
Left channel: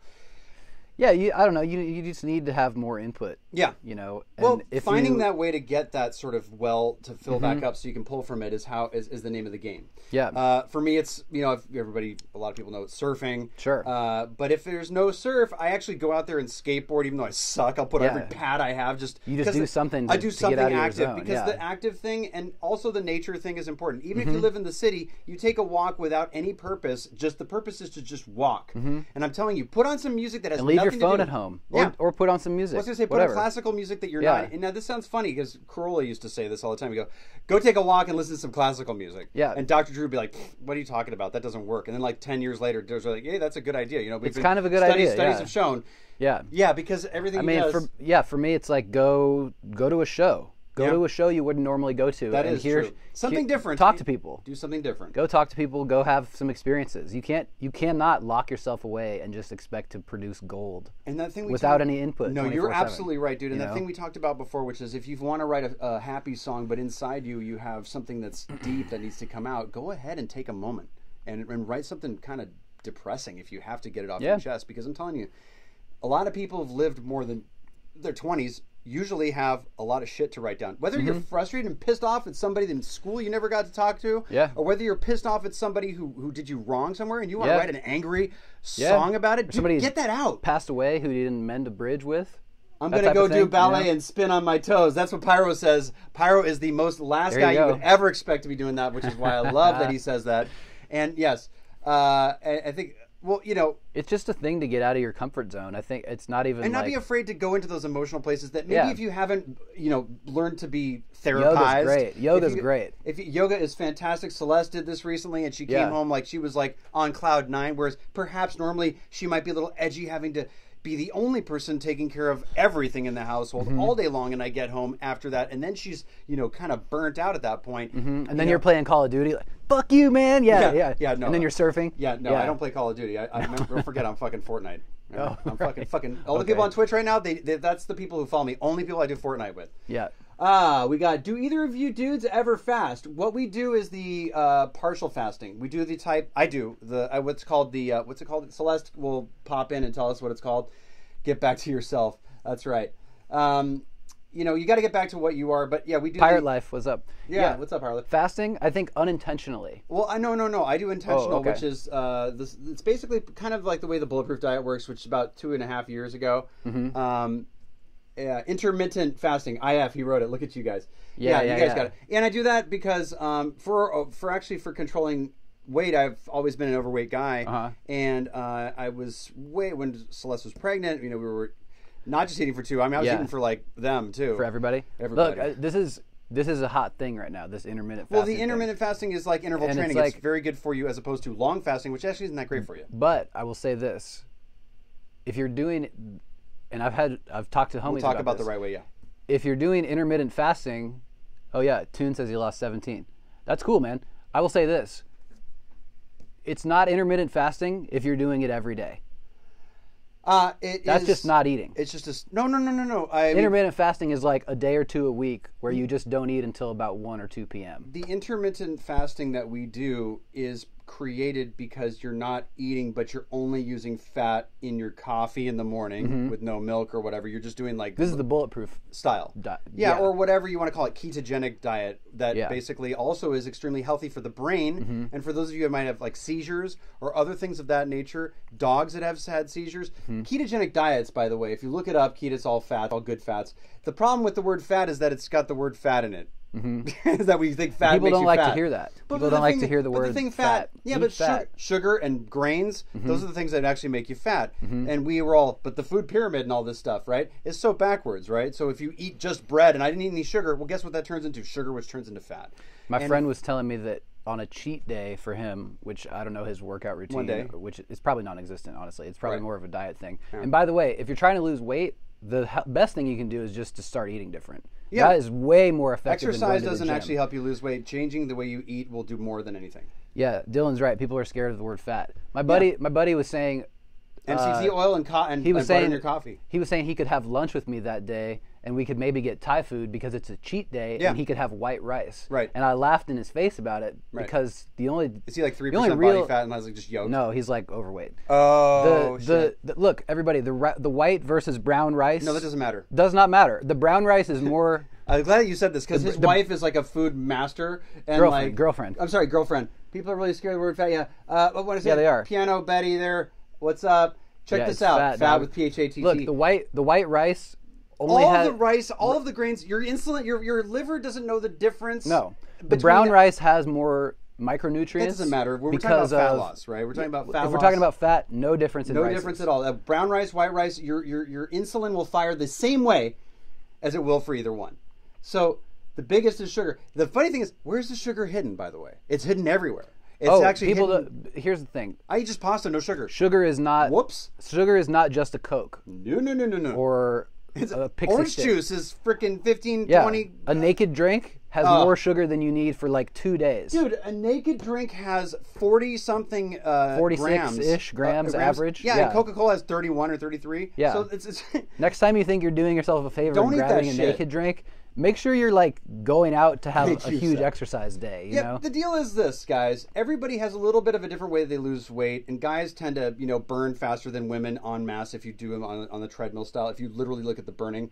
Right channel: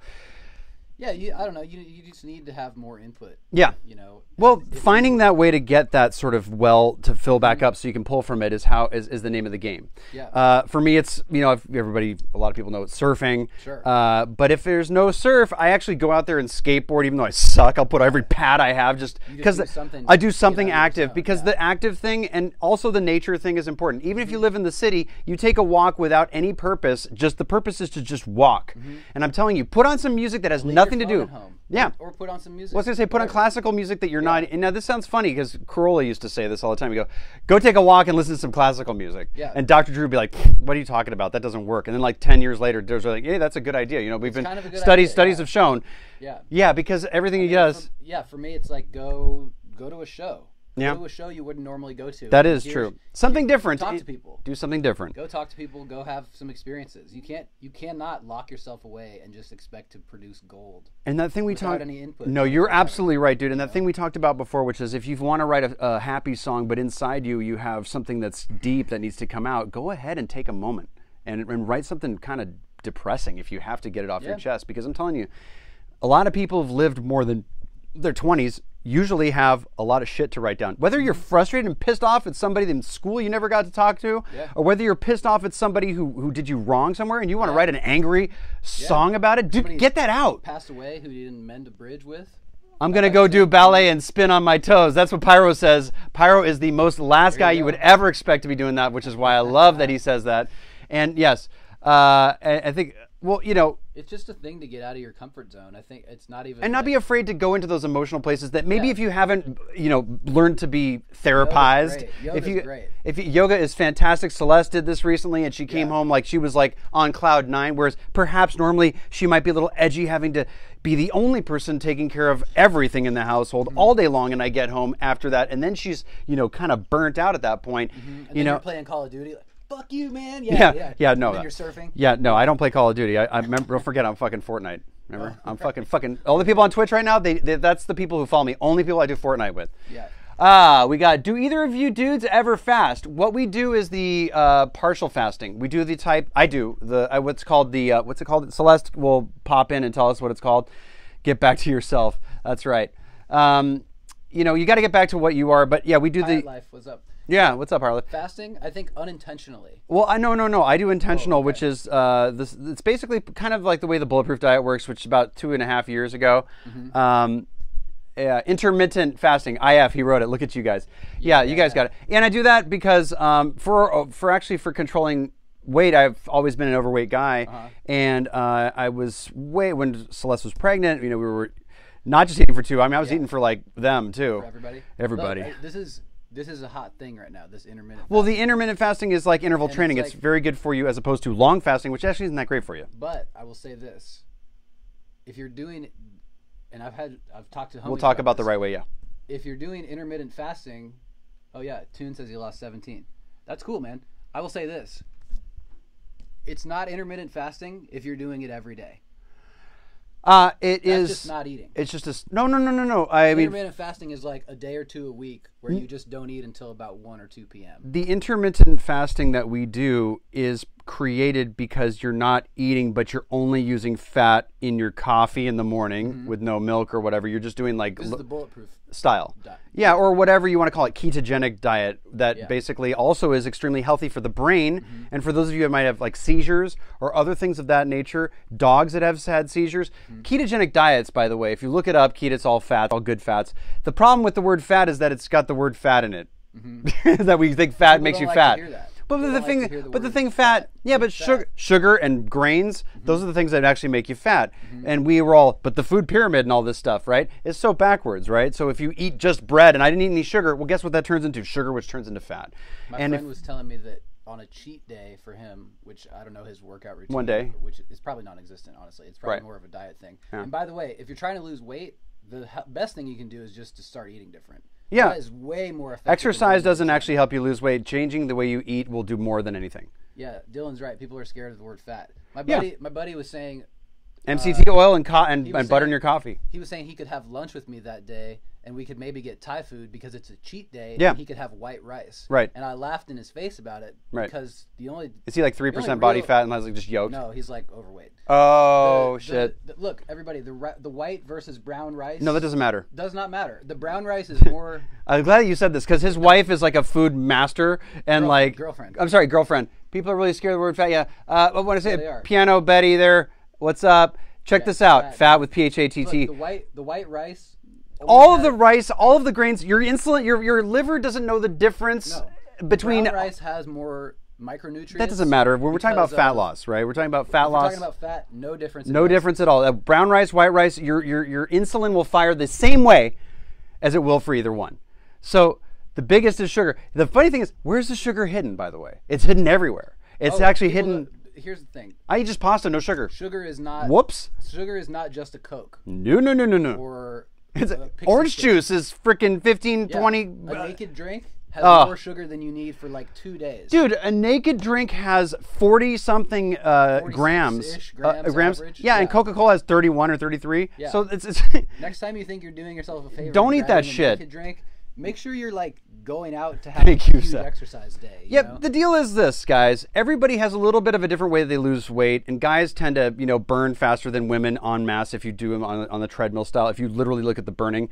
Yeah, I don't know. You just need to have more input. Yeah. You know. Well, finding that way to get that sort of well to fill back up so you can pull from it is the name of the game. Yeah. For me, it's, you know, a lot of people know it's surfing. Sure. But if there's no surf, I actually go out there and skateboard, even though I suck. I'll put every pad I have just because I do something active because the active thing and also the nature thing is important. Even if you live in the city, you take a walk without any purpose. Just the purpose is to just walk. And I'm telling you, put on some music that has nothing to do at home. Yeah. Or put on some music. I was going to say, put on classical music that you're not. And now this sounds funny because Corolla used to say this all the time. You go take a walk and listen to some classical music. Yeah. And Dr. Drew would be like, what are you talking about? That doesn't work. And then like 10 years later, Drew's like, hey, that's a good idea. You know, we've been kind of a good idea, studies have shown. Yeah. Yeah, because everything he does. For me, it's like go to a show. Go to a show you wouldn't normally go to. That is true. Something different. Talk to people. Do something different. Go talk to people. Go have some experiences. You cannot lock yourself away and just expect to produce gold. And that thing without any input. No, you're absolutely right, dude. And that thing we talked about before, which is if you want to write a happy song, but inside you have something that's deep that needs to come out, go ahead and take a moment and write something kind of depressing if you have to get it off your chest. Because I'm telling you, a lot of people have lived more than their 20s. Usually have a lot of shit to write down. Whether you're frustrated and pissed off at somebody in school you never got to talk to, or whether you're pissed off at somebody who did you wrong somewhere and you want to write an angry song about it, dude, get that out. Passed away who you didn't mend a bridge with. I'm going to go do ballet and spin on my toes. That's what Pyro says. Pyro is the most last guy you would ever expect to be doing that, which is why I love that he says that. And yes, I think, well, you know, it's just a thing to get out of your comfort zone. I think it's not even. And not be afraid to go into those emotional places that maybe if you haven't, you know, learned to be therapized. Yoga's great. Yoga is fantastic. Celeste did this recently and she came home like she was like on cloud 9, whereas perhaps normally she might be a little edgy having to be the only person taking care of everything in the household all day long, and I get home after that, and then she's, you know, kind of burnt out at that point. And then you're playing Call of Duty, like, fuck you, man. No. And then you're surfing. I don't play Call of Duty. I remember. Don't forget, I'm fucking Fortnite. Remember, I'm fucking. All the people on Twitch right now, that's the people who follow me. Only people I do Fortnite with. Yeah. We got. Do either of you dudes ever fast? What we do is the partial fasting. We do the type. I do the what's it called? Celeste will pop in and tell us what it's called. Get back to yourself. That's right. You know, you got to get back to what you are. But yeah, we do. Pirate life. What's up? Yeah, what's up, Harley? Fasting, I think unintentionally. Well, no. I do intentional, okay. which is this. It's basically kind of like the way the Bulletproof diet works, which is about 2.5 years ago. Intermittent fasting. IF, he wrote it. Look at you guys. Yeah, you guys got it. And I do that because for controlling weight, I've always been an overweight guy, and I was when Celeste was pregnant. You know, we were not just eating for two. I mean, I was eating for like them too. For everybody. Everybody. Look, this is a hot thing right now. This intermittent. Well, the fasting intermittent fasting is like interval training. It's very good for you as opposed to long fasting, which actually isn't that great for you. But I will say this: if you're doing, and I've talked to homies. We'll talk about the right way. Yeah. If you're doing intermittent fasting, oh yeah, Toon says he lost 17. That's cool, man. I will say this: it's not intermittent fasting if you're doing it every day. That's just not eating. It's just no. Intermittent fasting is like a day or two a week where you just don't eat until about 1 or 2 p.m. The intermittent fasting that we do is created because you're not eating, but you're only using fat in your coffee in the morning with no milk or whatever. You're just doing like this is the bulletproof style. Or whatever you want to call it, ketogenic diet that basically also is extremely healthy for the brain. And for those of you that might have like seizures or other things of that nature, dogs that have had seizures, ketogenic diets, by the way, if you look it up, keto, it's all fat, all good fats. The problem with the word fat is that it's got the word fat in it. That we think fat makes you fat. People don't like to hear that. But the thing fat, sugar and grains, those are the things that actually make you fat. And we were all, but the food pyramid and all this stuff, right, is so backwards, right? So if you eat just bread and I didn't eat any sugar, well, guess what that turns into? Sugar, which turns into fat. My friend was telling me that on a cheat day for him, which I don't know his workout routine, one day, which is probably non-existent, honestly. It's probably more of a diet thing. And by the way, if you're trying to lose weight, the best thing you can do is just to start eating different. Yeah, that is way more effective. Exercise doesn't actually help you lose weight. Changing the way you eat will do more than anything. Yeah, Dylan's right. People are scared of the word fat. My buddy was saying MCT oil and butter in your coffee. He was saying he could have lunch with me that day, and we could maybe get Thai food because it's a cheat day, and he could have white rice. Right. And I laughed in his face about it because the only is he like 3% body fat and has like just yolk? No, he's like overweight. Oh shit! Look, everybody, the white versus brown rice. No, that doesn't matter. Does not matter. The brown rice is more. I'm glad that you said this because his wife is like a food master and girlfriend. I'm sorry, girlfriend. People are really scared of the word fat. Yeah. What I say? They are. Piano Betty there. What's up? Check this out. Fat with PHATT. Look, the white rice. All of the rice, all of the grains. Your insulin, your liver doesn't know the difference. No. Brown rice has more micronutrients. That doesn't matter. We're talking about fat loss, right? We're talking about fat loss. We're talking about fat. No difference. No difference at all. Brown rice, white rice. Your insulin will fire the same way as it will for either one. So the biggest is sugar. The funny thing is, where's the sugar hidden? By the way, it's hidden everywhere. It's actually hidden. Here's the thing. I eat just pasta, no sugar. Sugar is not. Whoops. Sugar is not just a Coke. No. Or orange juice is freaking 15, 20. A naked drink has more sugar than you need for like 2 days. Dude, a naked drink has 40-something grams. grams average. Yeah, and Coca-Cola has 31 or 33. Yeah. So it's next time you think you're doing yourself a favor, don't and eat that grabbing shit. A naked drink. Make sure you're like going out to have a huge exercise day. You know? The deal is this, guys. Everybody has a little bit of a different way they lose weight, and guys tend to, burn faster than women en masse if you do them on the treadmill style. If you literally look at the burning,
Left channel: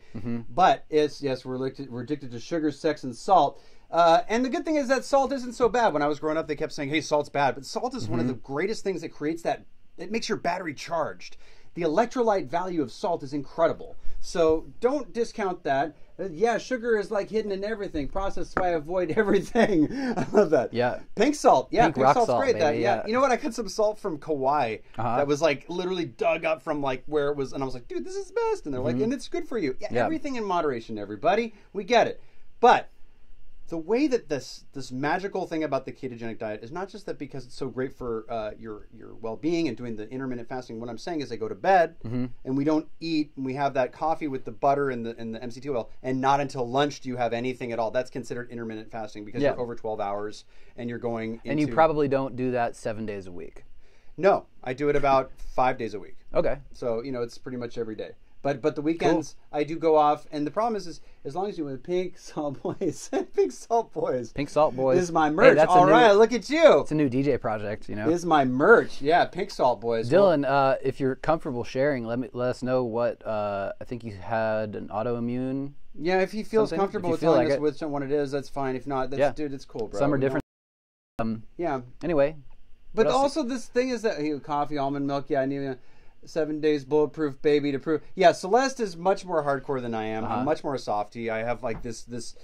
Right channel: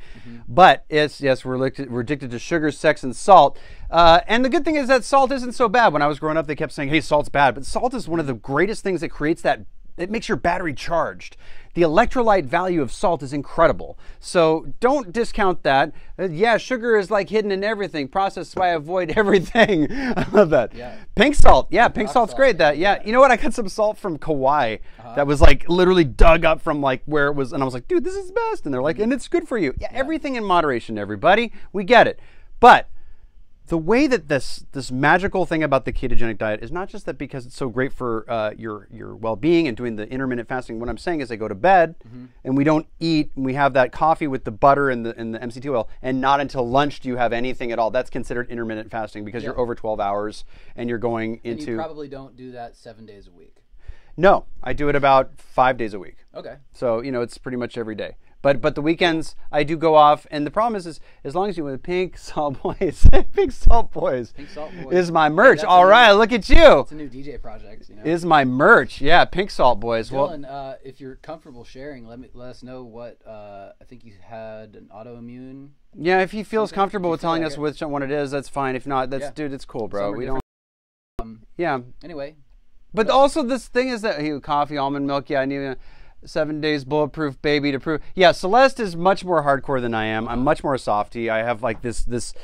but we're addicted to sugar, sex, and salt. And the good thing is that salt isn't so bad. When I was growing up, they kept saying, "Hey, salt's bad," but salt is one of the greatest things that creates that. It makes your battery charged. The electrolyte value of salt is incredible. So don't discount that. Sugar is like hidden in everything. Processed by avoid everything. I love that. Yeah. Pink salt. Yeah, pink salt's salt, great. Baby, You know what? I got some salt from Kauai that was like literally dug up from like where it was. And I was like, dude, this is the best. And they're like, and it's good for you. Yeah, everything in moderation, everybody. We get it. But the way that this magical thing about the ketogenic diet is not just that because it's so great for your well-being and doing the intermittent fasting. What I'm saying is I go to bed and we don't eat, and we have that coffee with the butter and the MCT oil, and not until lunch do you have anything at all. That's considered intermittent fasting because you're over 12 hours and you're going into... And you probably don't do that 7 days a week. No, I do it about 5 days a week. Okay. So, it's pretty much every day. But the weekends I do go off, and the problem is as long as you with Pink Salt Boys, Pink Salt Boys, Pink Salt Boys is my merch. Hey, All right, look at you. It's a new DJ project, you know. Is my merch? Yeah, Pink Salt Boys. Dylan, if you're comfortable sharing, let us know what I think you had an autoimmune. Yeah, if he feels comfortable with telling us like which one it is, that's fine. If not, that's dude, it's cool, bro. Some are different. Yeah. Anyway. But also this thing is that coffee, almond milk. Yeah, I need a 7 days bulletproof baby to prove. Yeah, Celeste is much more hardcore than I am. I'm much more softy. I have like this.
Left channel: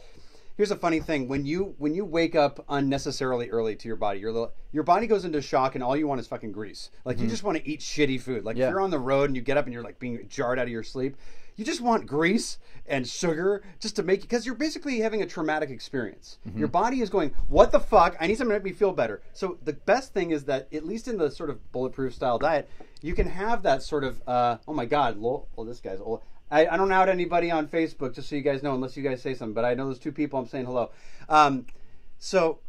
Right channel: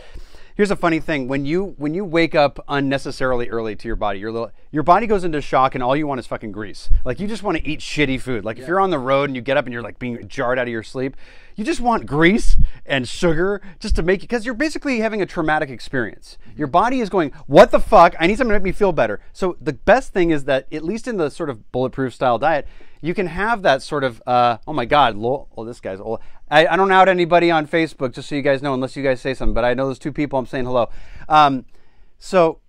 Here's a funny thing: when you wake up unnecessarily early to your body, your body goes into shock, and all you want is fucking grease. Like you just want to eat shitty food. Like if you're on the road and you get up and you're like being jarred out of your sleep, you just want grease and sugar just to make you, because you're basically having a traumatic experience. Your body is going, what the fuck? I need something to make me feel better. So the best thing is that, at least in the sort of bulletproof style diet, you can have that sort of, oh my God, this guy's old. I don't out anybody on Facebook, just so you guys know, unless you guys say something, but I know those two people, I'm saying hello. So,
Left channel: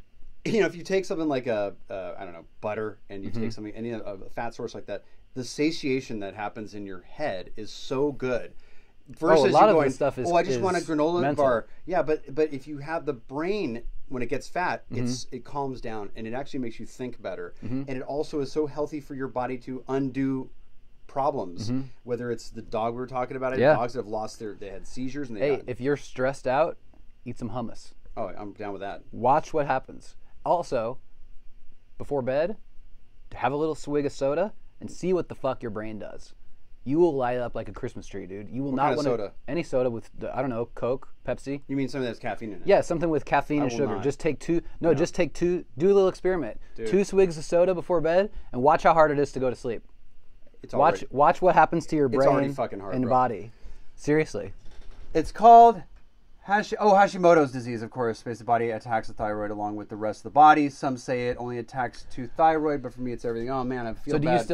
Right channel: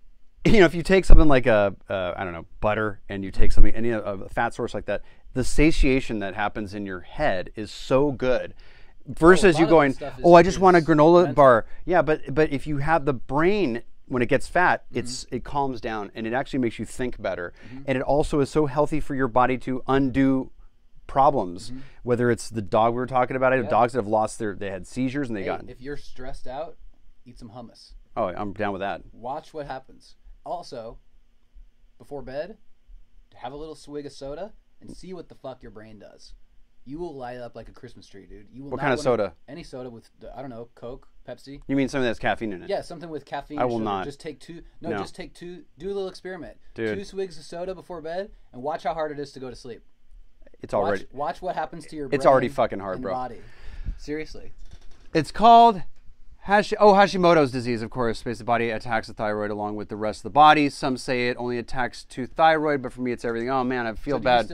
if you take something like I don't know, butter, and you take something, a fat source like that, the satiation that happens in your head is so good. Versus you going, I just want a granola bar. Yeah, but if you have the brain, when it gets fat, it calms down, and it actually makes you think better. And it also is so healthy for your body to undo problems. Whether it's the dog we were talking about, dogs that have lost they had seizures and if you're stressed out, eat some hummus. Oh, I'm down with that. Watch what happens. Also, before bed, have a little swig of soda and see what the fuck your brain does. You will light up like a Christmas tree, dude. You will what not kind of want soda? Any soda with, I don't know, Coke, Pepsi. You mean something that's caffeine in it? Yeah, something with caffeine and sugar. Not. Just take two. No, just take two. Do a little experiment. Dude. 2 swigs of soda before bed, and watch how hard it is to go to sleep. It's already. Watch what happens to your brain. It's already fucking hard, and bro. body. Seriously. It's called Hashimoto's disease, of course. Basically, the body attacks the thyroid along with the rest of the body. Some say it only attacks to thyroid, but for me, it's everything. Oh man, I feel bad.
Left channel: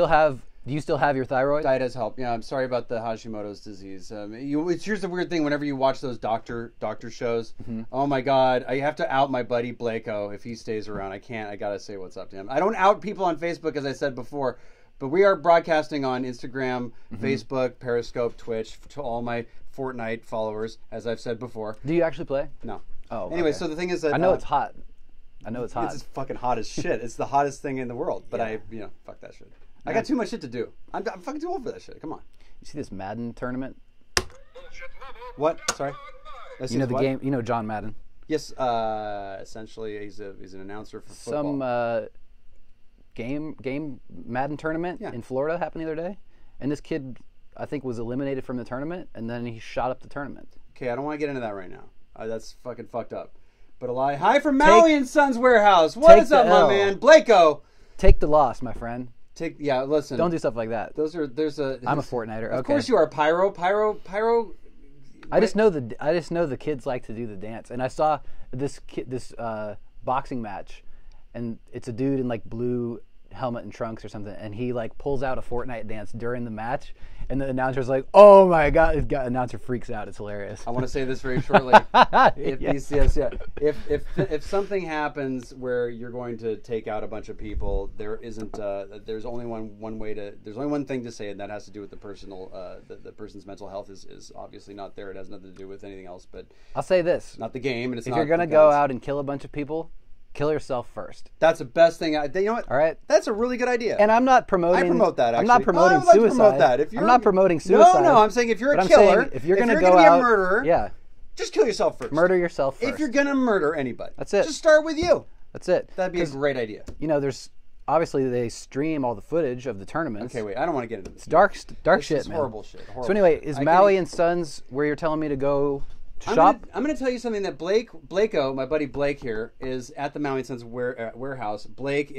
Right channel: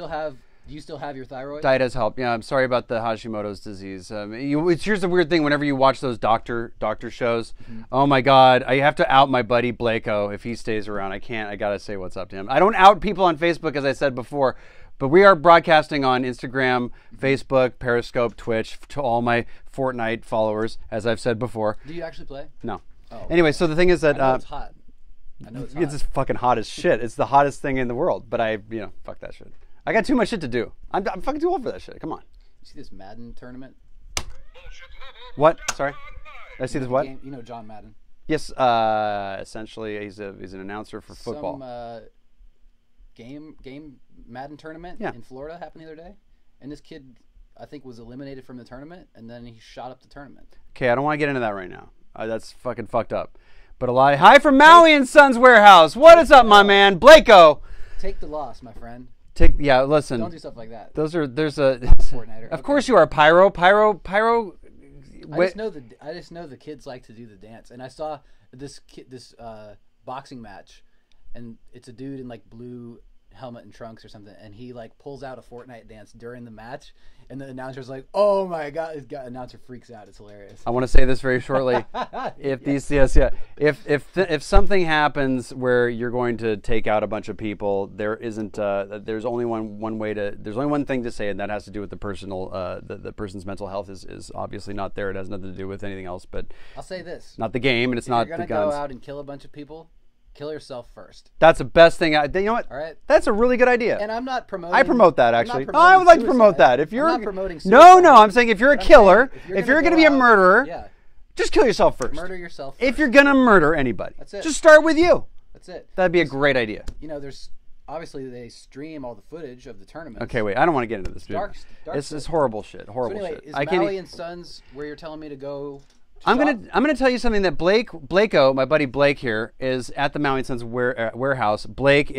Do you still have your thyroid? Diet has helped. Yeah, I'm sorry about the Hashimoto's disease. Here's the weird thing. Whenever you watch those doctor shows, oh my God, I have to out my buddy Blako if he stays around. I can't. I gotta say what's up to him. I don't out people on Facebook, as I said before, but we are broadcasting on Instagram, Facebook, Periscope, Twitch to all my Fortnite followers, as I've said before. Do you actually play? No. Oh. Anyway, okay. so the thing is that I know it's hot. It's just fucking hot as shit. It's the hottest thing in the world. But fuck that shit. I got too much shit to do. I'm fucking too old for that shit. Come on. You see this Madden tournament? What? Sorry. I see the what? game. You know John Madden. Yes. Essentially, he's an announcer for football. Some game Madden tournament in Florida happened the other day, and this kid, I think, was eliminated from the tournament, and then he shot up the tournament. Okay, I don't want to get into that right now. That's fucking fucked up. But hi from Maui and Sons Warehouse. What is up, my man, Blako? Take the loss, my friend. Listen. Don't do stuff like that. I'm a Fortniter. Of course you are. Pyro. I just know the kids like to do the dance, and I saw this boxing match, and it's a dude in like blue helmet and trunks or something, and he like pulls out a Fortnite dance during the match, and the announcer's like, "Oh my God!" The announcer freaks out. It's hilarious. I want to say this very shortly. If something happens where you're going to take out a bunch of people, there isn't. There's only one way to. There's only one thing to say, and that has to do with the personal. The person's mental health is obviously not there. It has nothing to do with anything else. But I'll say this: not the game, and it's not. If you're gonna go out and kill a bunch of people, kill yourself first. That's the best thing. You know what? All right. That's a really good idea. And I'm not promoting. I promote that, actually. I'm not promoting I would like suicide. to promote that. If you're I'm not promoting suicide. No, I'm saying if you're a killer, if you're going to go be a out, murderer, just kill yourself first. Murder yourself first. If you're going to murder anybody. That's it. Just start with you. That's it. That'd be a great idea. There's obviously they stream all the footage of the tournaments. Okay, wait. I don't want to get into this. Dark shit. This is horrible shit. So anyway, is Maui and Sons where you're telling me to go? I'm gonna tell you something that Blako, my buddy Blake here, is at the Maui and Sons warehouse. Blake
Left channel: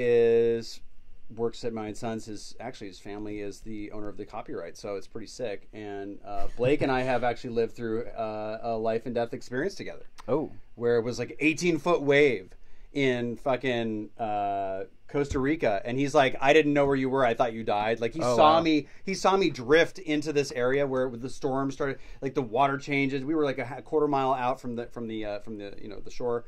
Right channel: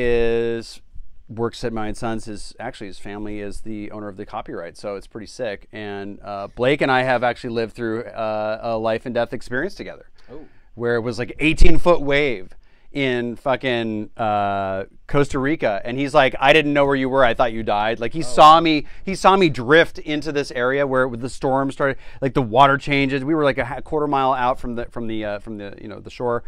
works at Maui and Sons. His family is the owner of the copyright, so it's pretty sick. And Blake and I have actually lived through a life and death experience together. Oh, where it was like 18-foot wave in fucking Costa Rica, and he's like, I didn't know where you were. I thought you died. Like he saw me. He saw me drift into this area where the storm started. Like the water changes. We were like a quarter mile out from the the shore.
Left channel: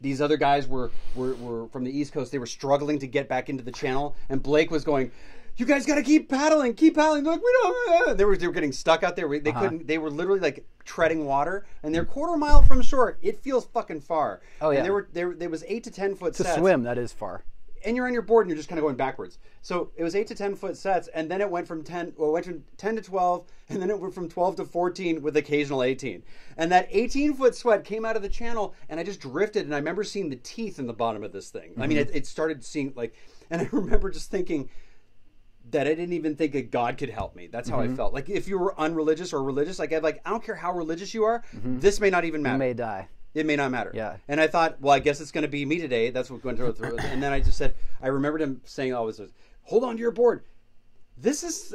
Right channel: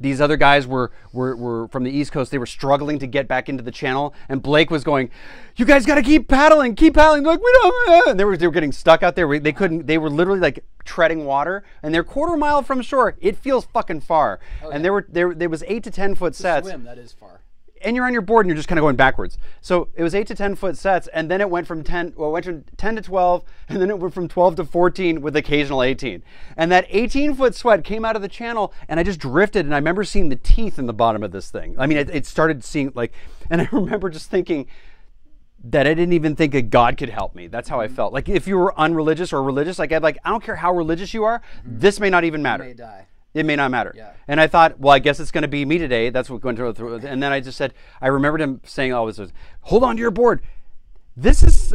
These other guys were from the East Coast. They were struggling to get back into the channel, and Blake was going, "You guys got to keep paddling, keep paddling." They're like, we don't. And they were getting stuck out there. They couldn't. They were literally like treading water, and they're quarter mile from shore. It feels fucking far. Oh, yeah. And there was 8 to 10 foot sets. To swim, that is far. And you're on your board and you're just kind of going backwards. So it was 8 to 10 foot sets, and then it went from 10 to 12, and then it went from 12 to 14 with occasional 18. And that 18-foot sweat came out of the channel, and I just drifted, and I remember seeing the teeth in the bottom of this thing. I mean, it started seeing like, and I remember just thinking that I didn't even think that God could help me. That's how I felt. Like if you were unreligious or religious, like I don't care how religious you are, this may not even matter. You may die. It may not matter. Yeah. And I thought, well, I guess it's going to be me today. That's what went through. And then I just said, I remembered him saying always, hold on to your board. This is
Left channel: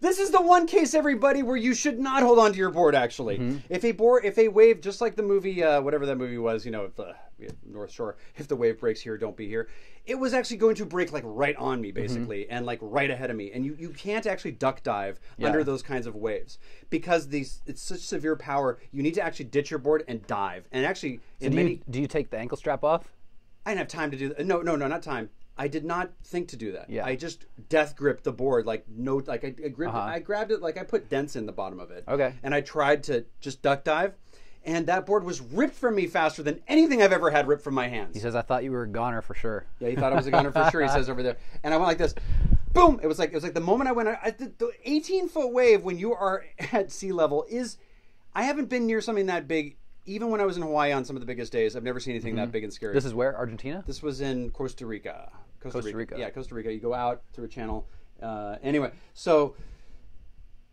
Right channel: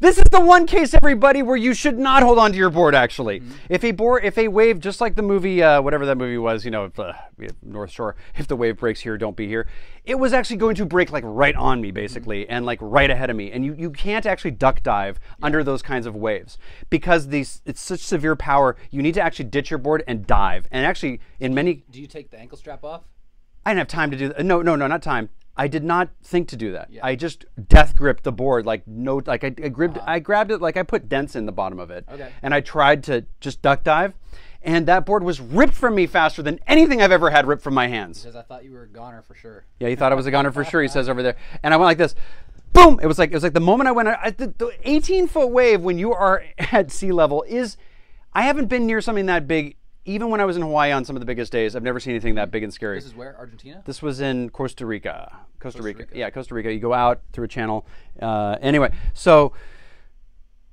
this is the one case, everybody, where you should not hold on to your board, actually. If a wave, just like the movie, whatever that movie was, North Shore, if the wave breaks here, don't be here. It was actually going to break like right on me, basically, and like right ahead of me. And you can't actually duck dive under those kinds of waves because it's such severe power. You need to actually ditch your board and dive. And actually, do you take the ankle strap off? I didn't have time to do that. No, not time. I did not think to do that. Yeah. I just death gripped the board I grabbed it like I put dents in the bottom of it. Okay. And I tried to just duck dive, and that board was ripped from me faster than anything I've ever had ripped from my hands. He says, I thought you were a goner for sure. Yeah, he thought I was a goner for sure, he says over there. And I went like this. Boom! It was like the moment I went, the 18-foot wave when you are at sea level I haven't been near something that big. Even when I was in Hawaii on some of the biggest days, I've never seen anything that big and scary. This is where? Argentina? This was in Costa Rica. Costa Rica. Yeah, Costa Rica. You go out through a channel. Anyway, so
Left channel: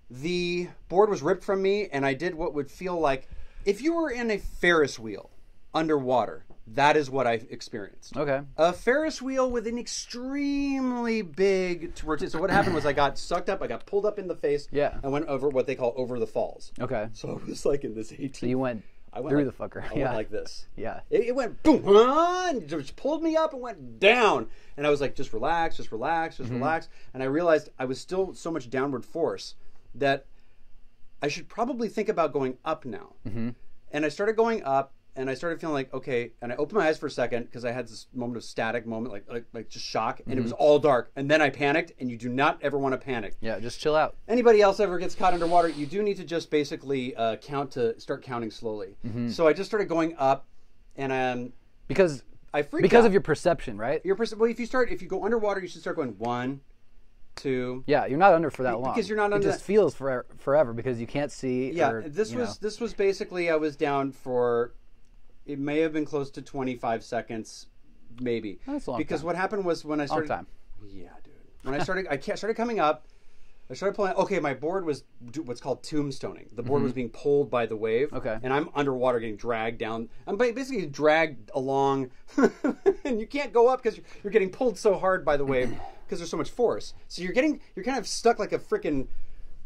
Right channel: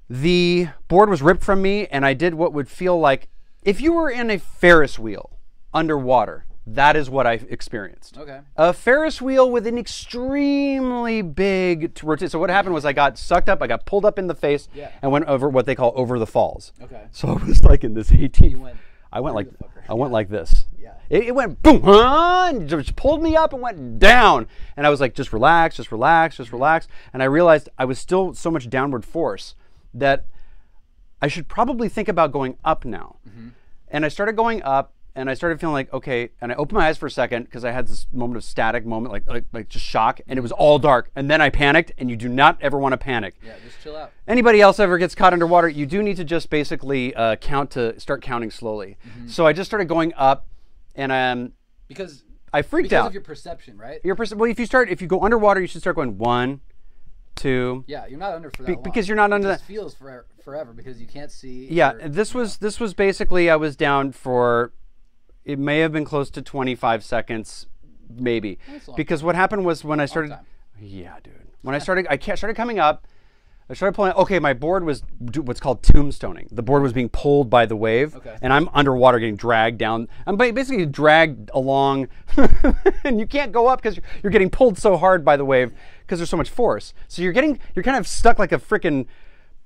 the board was ripped from me, and I did what would feel like if you were in a Ferris wheel underwater. That is what I experienced. Okay. A Ferris wheel with an extremely big rotation. So what happened was I got sucked up, I got pulled up in the face, and went over what they call over the falls. Okay. So I was like in this 18. You went. I went like the fucker. I went like this. Yeah. It went boom, and just pulled me up and went down. And I was like, just relax, just relax, just relax. And I realized I was still so much downward force that I should probably think about going up now. And I started going up, and I started feeling like, okay, and I opened my eyes for a second because I had this moment of static moment, like just shock, and it was all dark. And then I panicked, and you do not ever want to panic. Yeah, just chill out. Anybody else ever gets caught underwater, you do need to just basically start counting slowly. So I just started going up, and because I freaked out. Because of your perception, right? Well, if you go underwater, you should start going 1, 2. Yeah, you're not under for that long. Because you're not under. It just feels forever because you can't see. Yeah, this was basically I was down for. It may have been close to 25 seconds, maybe. That's a long because time. What happened was when I started. Long time. Yeah, dude. When I started coming up. I started pulling. Okay, my board was what's called tombstoning. The board was being pulled by the wave, and I'm underwater, getting dragged down. I'm basically dragged along, and you can't go up because you're getting pulled so hard by the wave because there's so much force. So you're kind of stuck like a freaking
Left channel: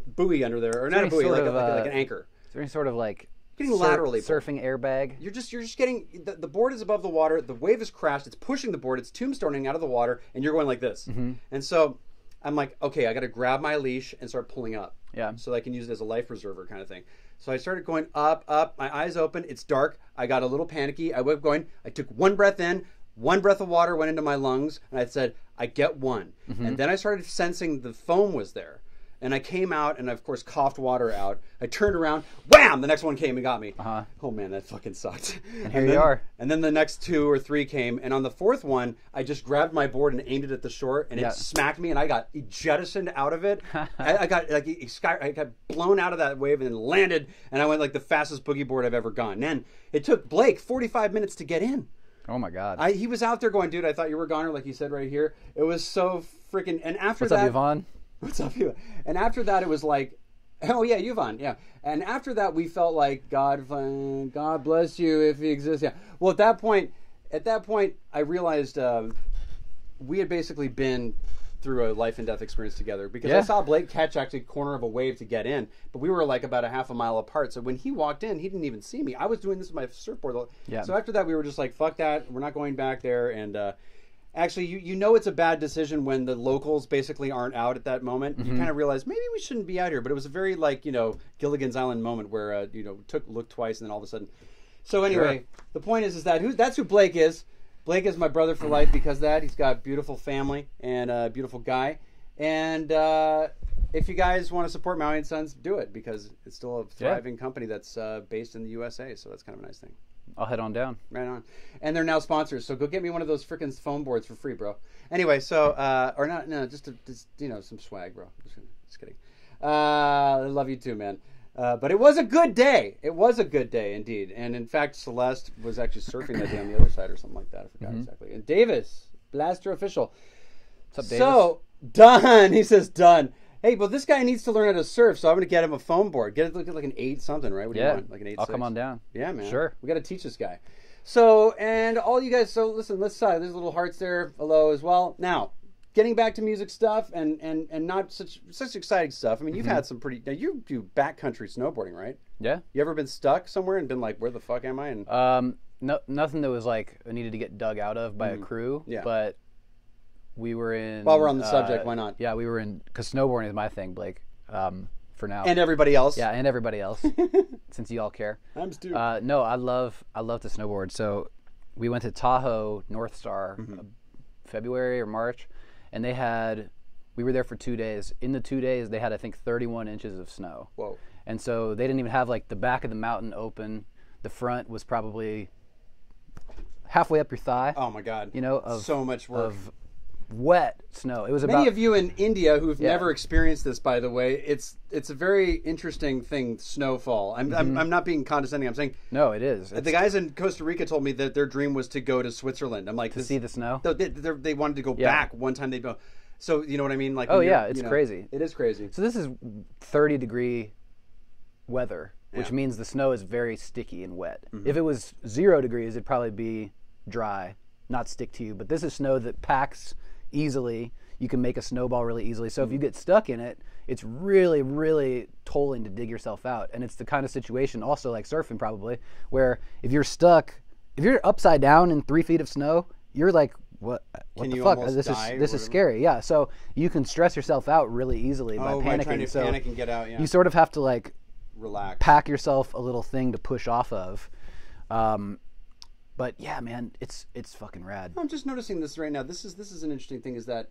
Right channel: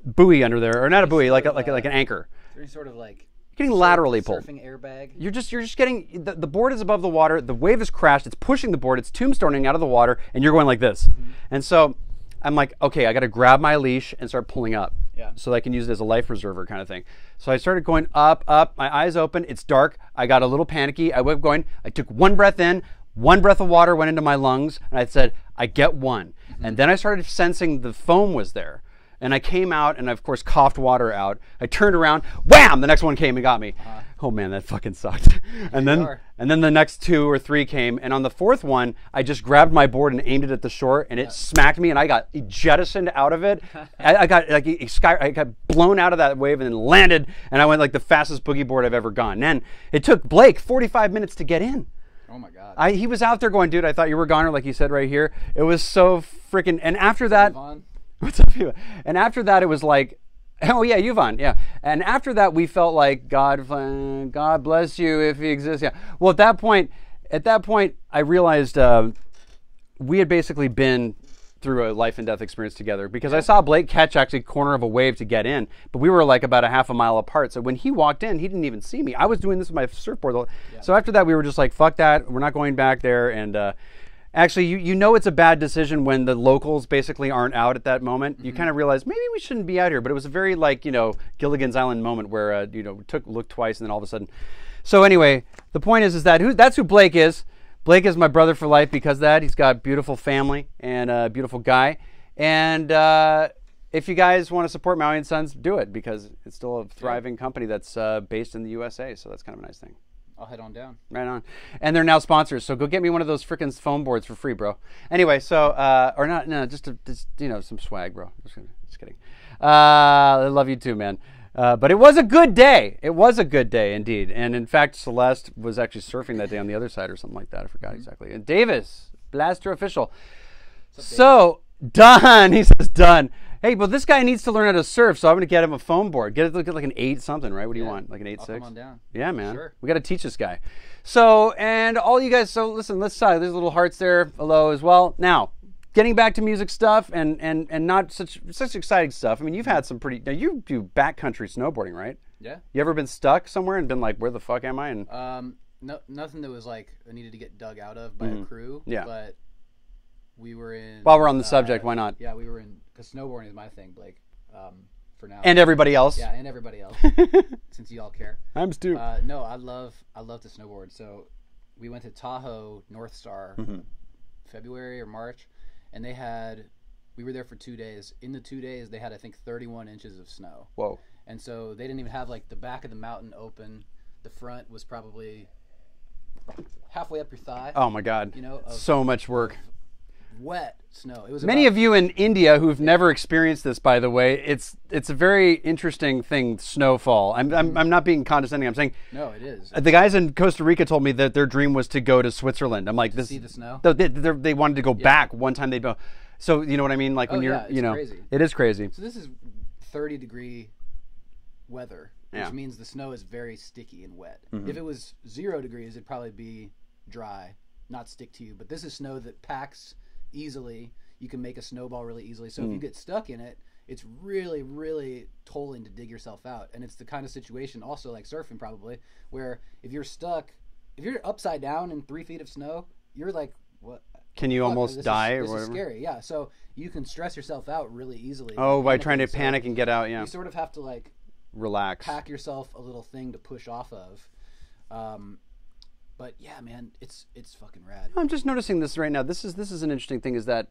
buoy under there, or not a buoy, like an anchor. Is there any sort of like getting laterally pulled. Surfing airbag? You're just getting the board is above the water. The wave has crashed. It's pushing the board. It's tombstoning out of the water, and you're going like this. And so I'm like, okay, I got to grab my leash and start pulling up. Yeah. So I can use it as a life preserver kind of thing. So I started going up. My eyes open. It's dark. I got a little panicky. I went going. I took one breath in. One breath of water went into my lungs, and I said, I get one. And then I started sensing the foam was there. And I came out and, of course, coughed water out. I turned around, wham! The next one came and got me. Oh, man, that fucking sucked. And then the next 2 or 3 came. And on the 4th one, I just grabbed my board and aimed it at the shore, and it smacked me, and I got jettisoned out of it. I got blown out of that wave and then landed, and I went like the fastest boogie board I've ever gone. And then it took Blake 45 minutes to get in. Oh, my God. He was out there going, dude, I thought you were a goner, like you said right here. It was so freaking... And after What's that... up, Yvonne? What's up, Yvonne? And after that, it was like, oh yeah, Yvonne, yeah. And after that, we felt like God bless you if He exists. Yeah. Well, at that point, I realized we had basically been through a life and death experience together because I Yeah. saw Blake catch actually corner of a wave to get in, but we were like about a half a mile apart. So when he walked in, he didn't even see me. I was doing this with my surfboard. Yeah. So after that, we were just like, fuck that. We're not going back there. And actually, you know it's a bad decision when the locals basically aren't out at that moment. You kind of realize maybe we shouldn't be out here. But it was a very like, Gilligan's Island moment where, looked twice and then all of a sudden. So anyway, the point is that that's who Blake is. Blake is my brother for life because of that. He's got a beautiful family and a beautiful guy. And if you guys want to support Maui and Sons, do it because it's still a thriving company that's based in the USA. So that's kind of a nice thing. I'll head on down. Right on. And they're now sponsors, so go get me one of those frickin' foam boards for free, bro. Anyway, so, or not, no, just some swag, bro. Just kidding. I love you too, man. But it was a good day. It was a good day, indeed. And in fact, Celeste was actually surfing that day on the other side or something like that. I forgot exactly. And Davis, Blaster Official. What's up, Davis? So, done. He says done. Hey, well, this guy needs to learn how to surf, so I'm going to get him a foam board. Get like an 8 something, right? What do you want? Like an 8.6? I'll come on down. Yeah, man. Sure. We got to teach this guy. So, and all you guys, so listen, let's there's little hearts there below as well. Now, getting back to music stuff and not such exciting stuff. I mean, you've had some pretty, now you do backcountry snowboarding, right? Yeah. You ever been stuck somewhere and been like, where the fuck am I? And No, nothing that was like needed to get dug out of by a crew. Yeah. But we were in. While we're on the subject, why not? Yeah, we were in, because snowboarding is my thing, Blake. For now. And everybody else. Yeah, and everybody else, since you all care. I'm Stu. No, I love to snowboard. So we went to Tahoe North Star, February or March, and we were there for 2 days. In the 2 days, they had I think 31 inches of snow. Whoa. And so they didn't even have like the back of the mountain open. The front was probably halfway up your thigh. Oh my God. So much work. Wet snow. It was Many of you in India who've never experienced this, by the way, it's a very interesting thing. Snowfall. I'm not being condescending. I'm saying no, it is. The guys in Costa Rica told me that their dream was to go to Switzerland. I'm like, see the snow. They wanted to go back one time. They'd go. So you know what I mean? Like, it's crazy. It is crazy. So this is 30-degree weather, which means the snow is very sticky and wet. If it was 0 degrees, it'd probably be dry, not stick to you. But this is snow that packs easily. You can make a snowball really easily. So if you get stuck in it, it's really, really tolling to dig yourself out. And it's the kind of situation, also like surfing probably, where if you're stuck, if you're upside down in 3 feet of snow, you're like, what can the you fuck? almost die? This is scary. Yeah. So you can stress yourself out really easily. By trying to panic and get out. Yeah. You sort of have to like relax, pack yourself a little thing to push off of. But yeah, man, it's fucking rad. I'm just noticing this right now. This is an interesting thing, is that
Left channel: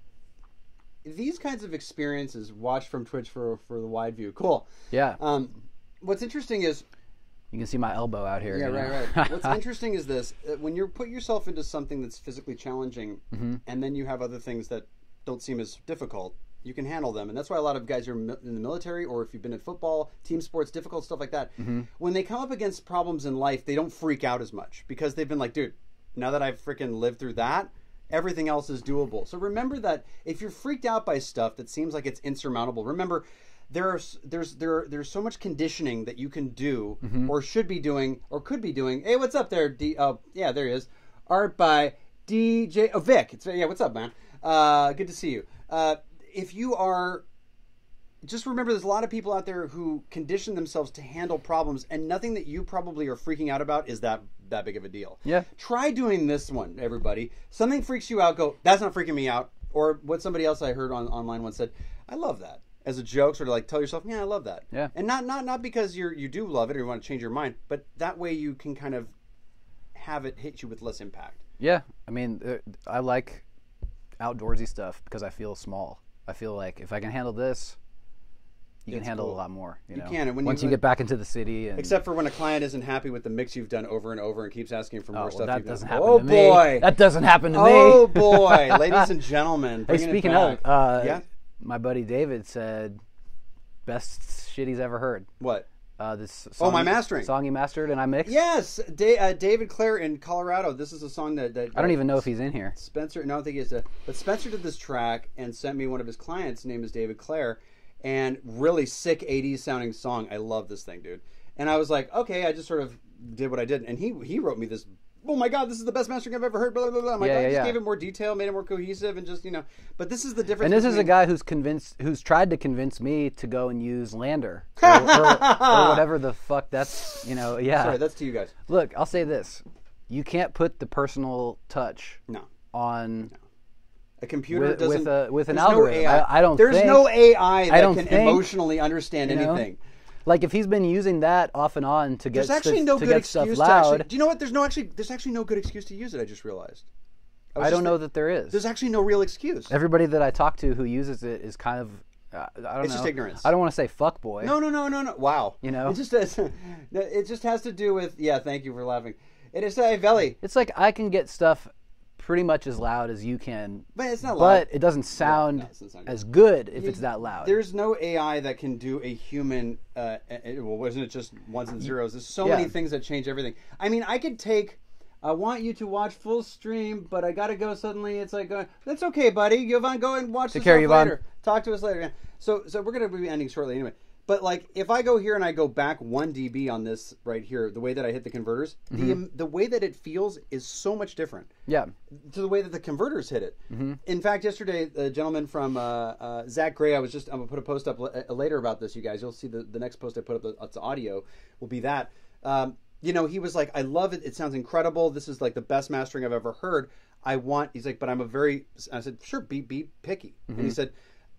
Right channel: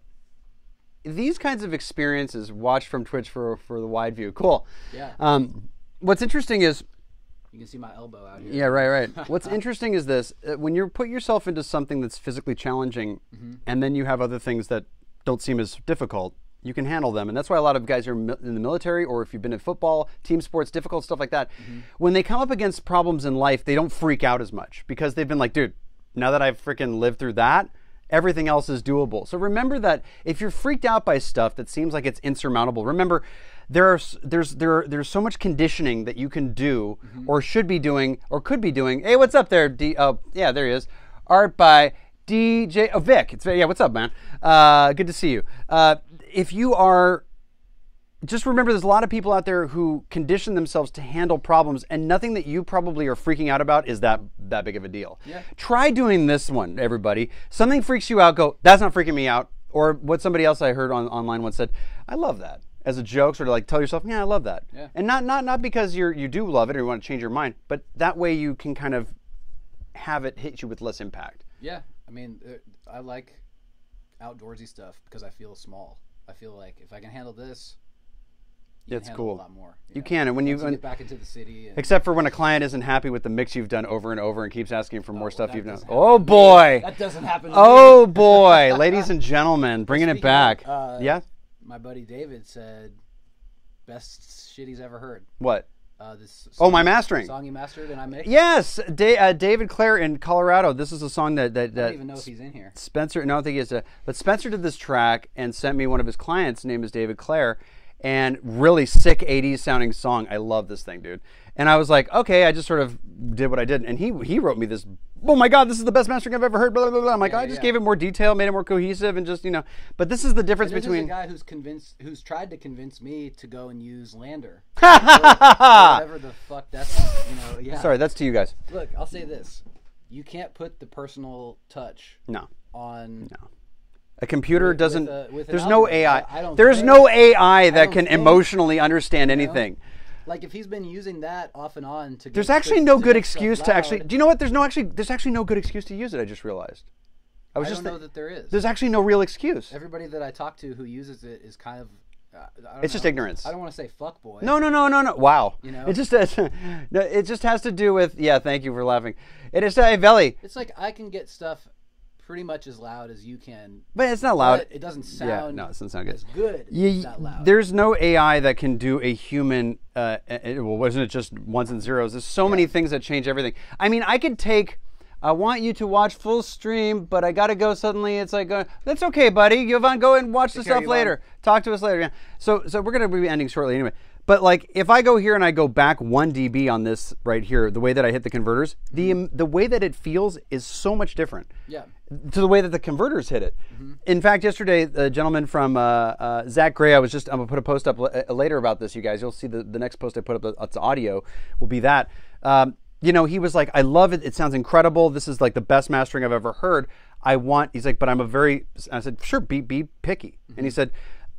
these kinds of experiences, watched from Twitch for the wide view. Cool. Yeah. What's interesting is you can see my elbow out here. Yeah, right. What's interesting is this: when you put yourself into something that's physically challenging, and then you have other things that don't seem as difficult, you can handle them. And that's why a lot of guys are in the military, or if you've been in football, team sports, difficult stuff like that. When they come up against problems in life, they don't freak out as much because they've been like, dude, now that I've freaking lived through that, everything else is doable. So remember that if you're freaked out by stuff that seems like it's insurmountable, remember there's so much conditioning that you can do, or should be doing, or could be doing. Hey, what's up there? Oh, yeah, there he is. Art by DJ Vic. What's up, man? Good to see you. If you are, just remember there's a lot of people out there who condition themselves to handle problems, and nothing that you probably are freaking out about is that big of a deal. Yeah. Try doing this one, everybody. Something freaks you out, go, that's not freaking me out. Or what somebody else I heard online once said, I love that. As a joke, sort of like tell yourself, yeah, I love that. Yeah. And not because you do love it or you want to change your mind, but that way you can kind of have it hit you with less impact. Yeah. I mean, I like outdoorsy stuff because I feel small. I feel like if I can handle this, you can handle a lot more. You can, and once you get back into the city. Except for when a client isn't happy with the mix you've done over and over and keeps asking for more stuff you've done. Oh boy, that doesn't happen to me. Oh boy, ladies and gentlemen, bringing it back. Yeah, my buddy David said best shit he's ever heard. What? This song, my mastering song you mastered and I mixed. Yes, David Clare in Colorado. This is a song that I don't even know if he's in here. Spencer, no, I don't think he is. But Spencer did this track and sent me one of his clients. His name is David Clare, and really sick 80s sounding song. I love this thing, dude. And I was like, okay, I just sort of did what I did, and he wrote me this oh my God, this is the best mastering I've ever heard. Blah blah blah. I'm like, Yeah, I just gave it more detail, made it more cohesive, and just But this is the difference. And this between... is a guy who's tried to convince me to go and use Lander or whatever the fuck that's. Yeah. Sorry, that's to you guys. Look, I'll say this: you can't put the personal touch on. No. A computer doesn't. With an there's no algorithm. AI. I don't. There's no AI that can emotionally understand anything. Like if he's been using that off and on to get. There's actually no good excuse to actually. Do you know what? There's actually no good excuse to use it. I just realized. I don't know that there is. There's actually no real excuse. Everybody that I talk to who uses it is kind of. I don't know. It's just ignorance. I don't want to say fuckboy. No. Wow. No, it just has to do with. Yeah, thank you for laughing. It is Veli. It's like I can get stuff pretty much as loud as you can, but it's not loud. But it doesn't sound, it doesn't sound good. as good if it's not loud. There's no AI that can do a human. Wasn't it just ones and zeros? There's so many things that change everything. I mean, I could take. I want you to watch full stream, but I gotta go suddenly. It's like, that's okay, buddy. Yvonne, go and watch the stuff later. Talk to us later. Yeah. So we're gonna be ending shortly anyway. But like, if I go here and I go back 1 dB on this right here, the way that I hit the converters, the way that it feels is so much different. Yeah. To the way that the converters hit it. In fact, yesterday, the gentleman from Zach Gray, I'm gonna put a post up later about this, you guys. You'll see the next post I put up. It's audio. Will be that. He was like, I love it. It sounds incredible. This is like the best mastering I've ever heard. He's like, but I said, sure, be picky. And he said,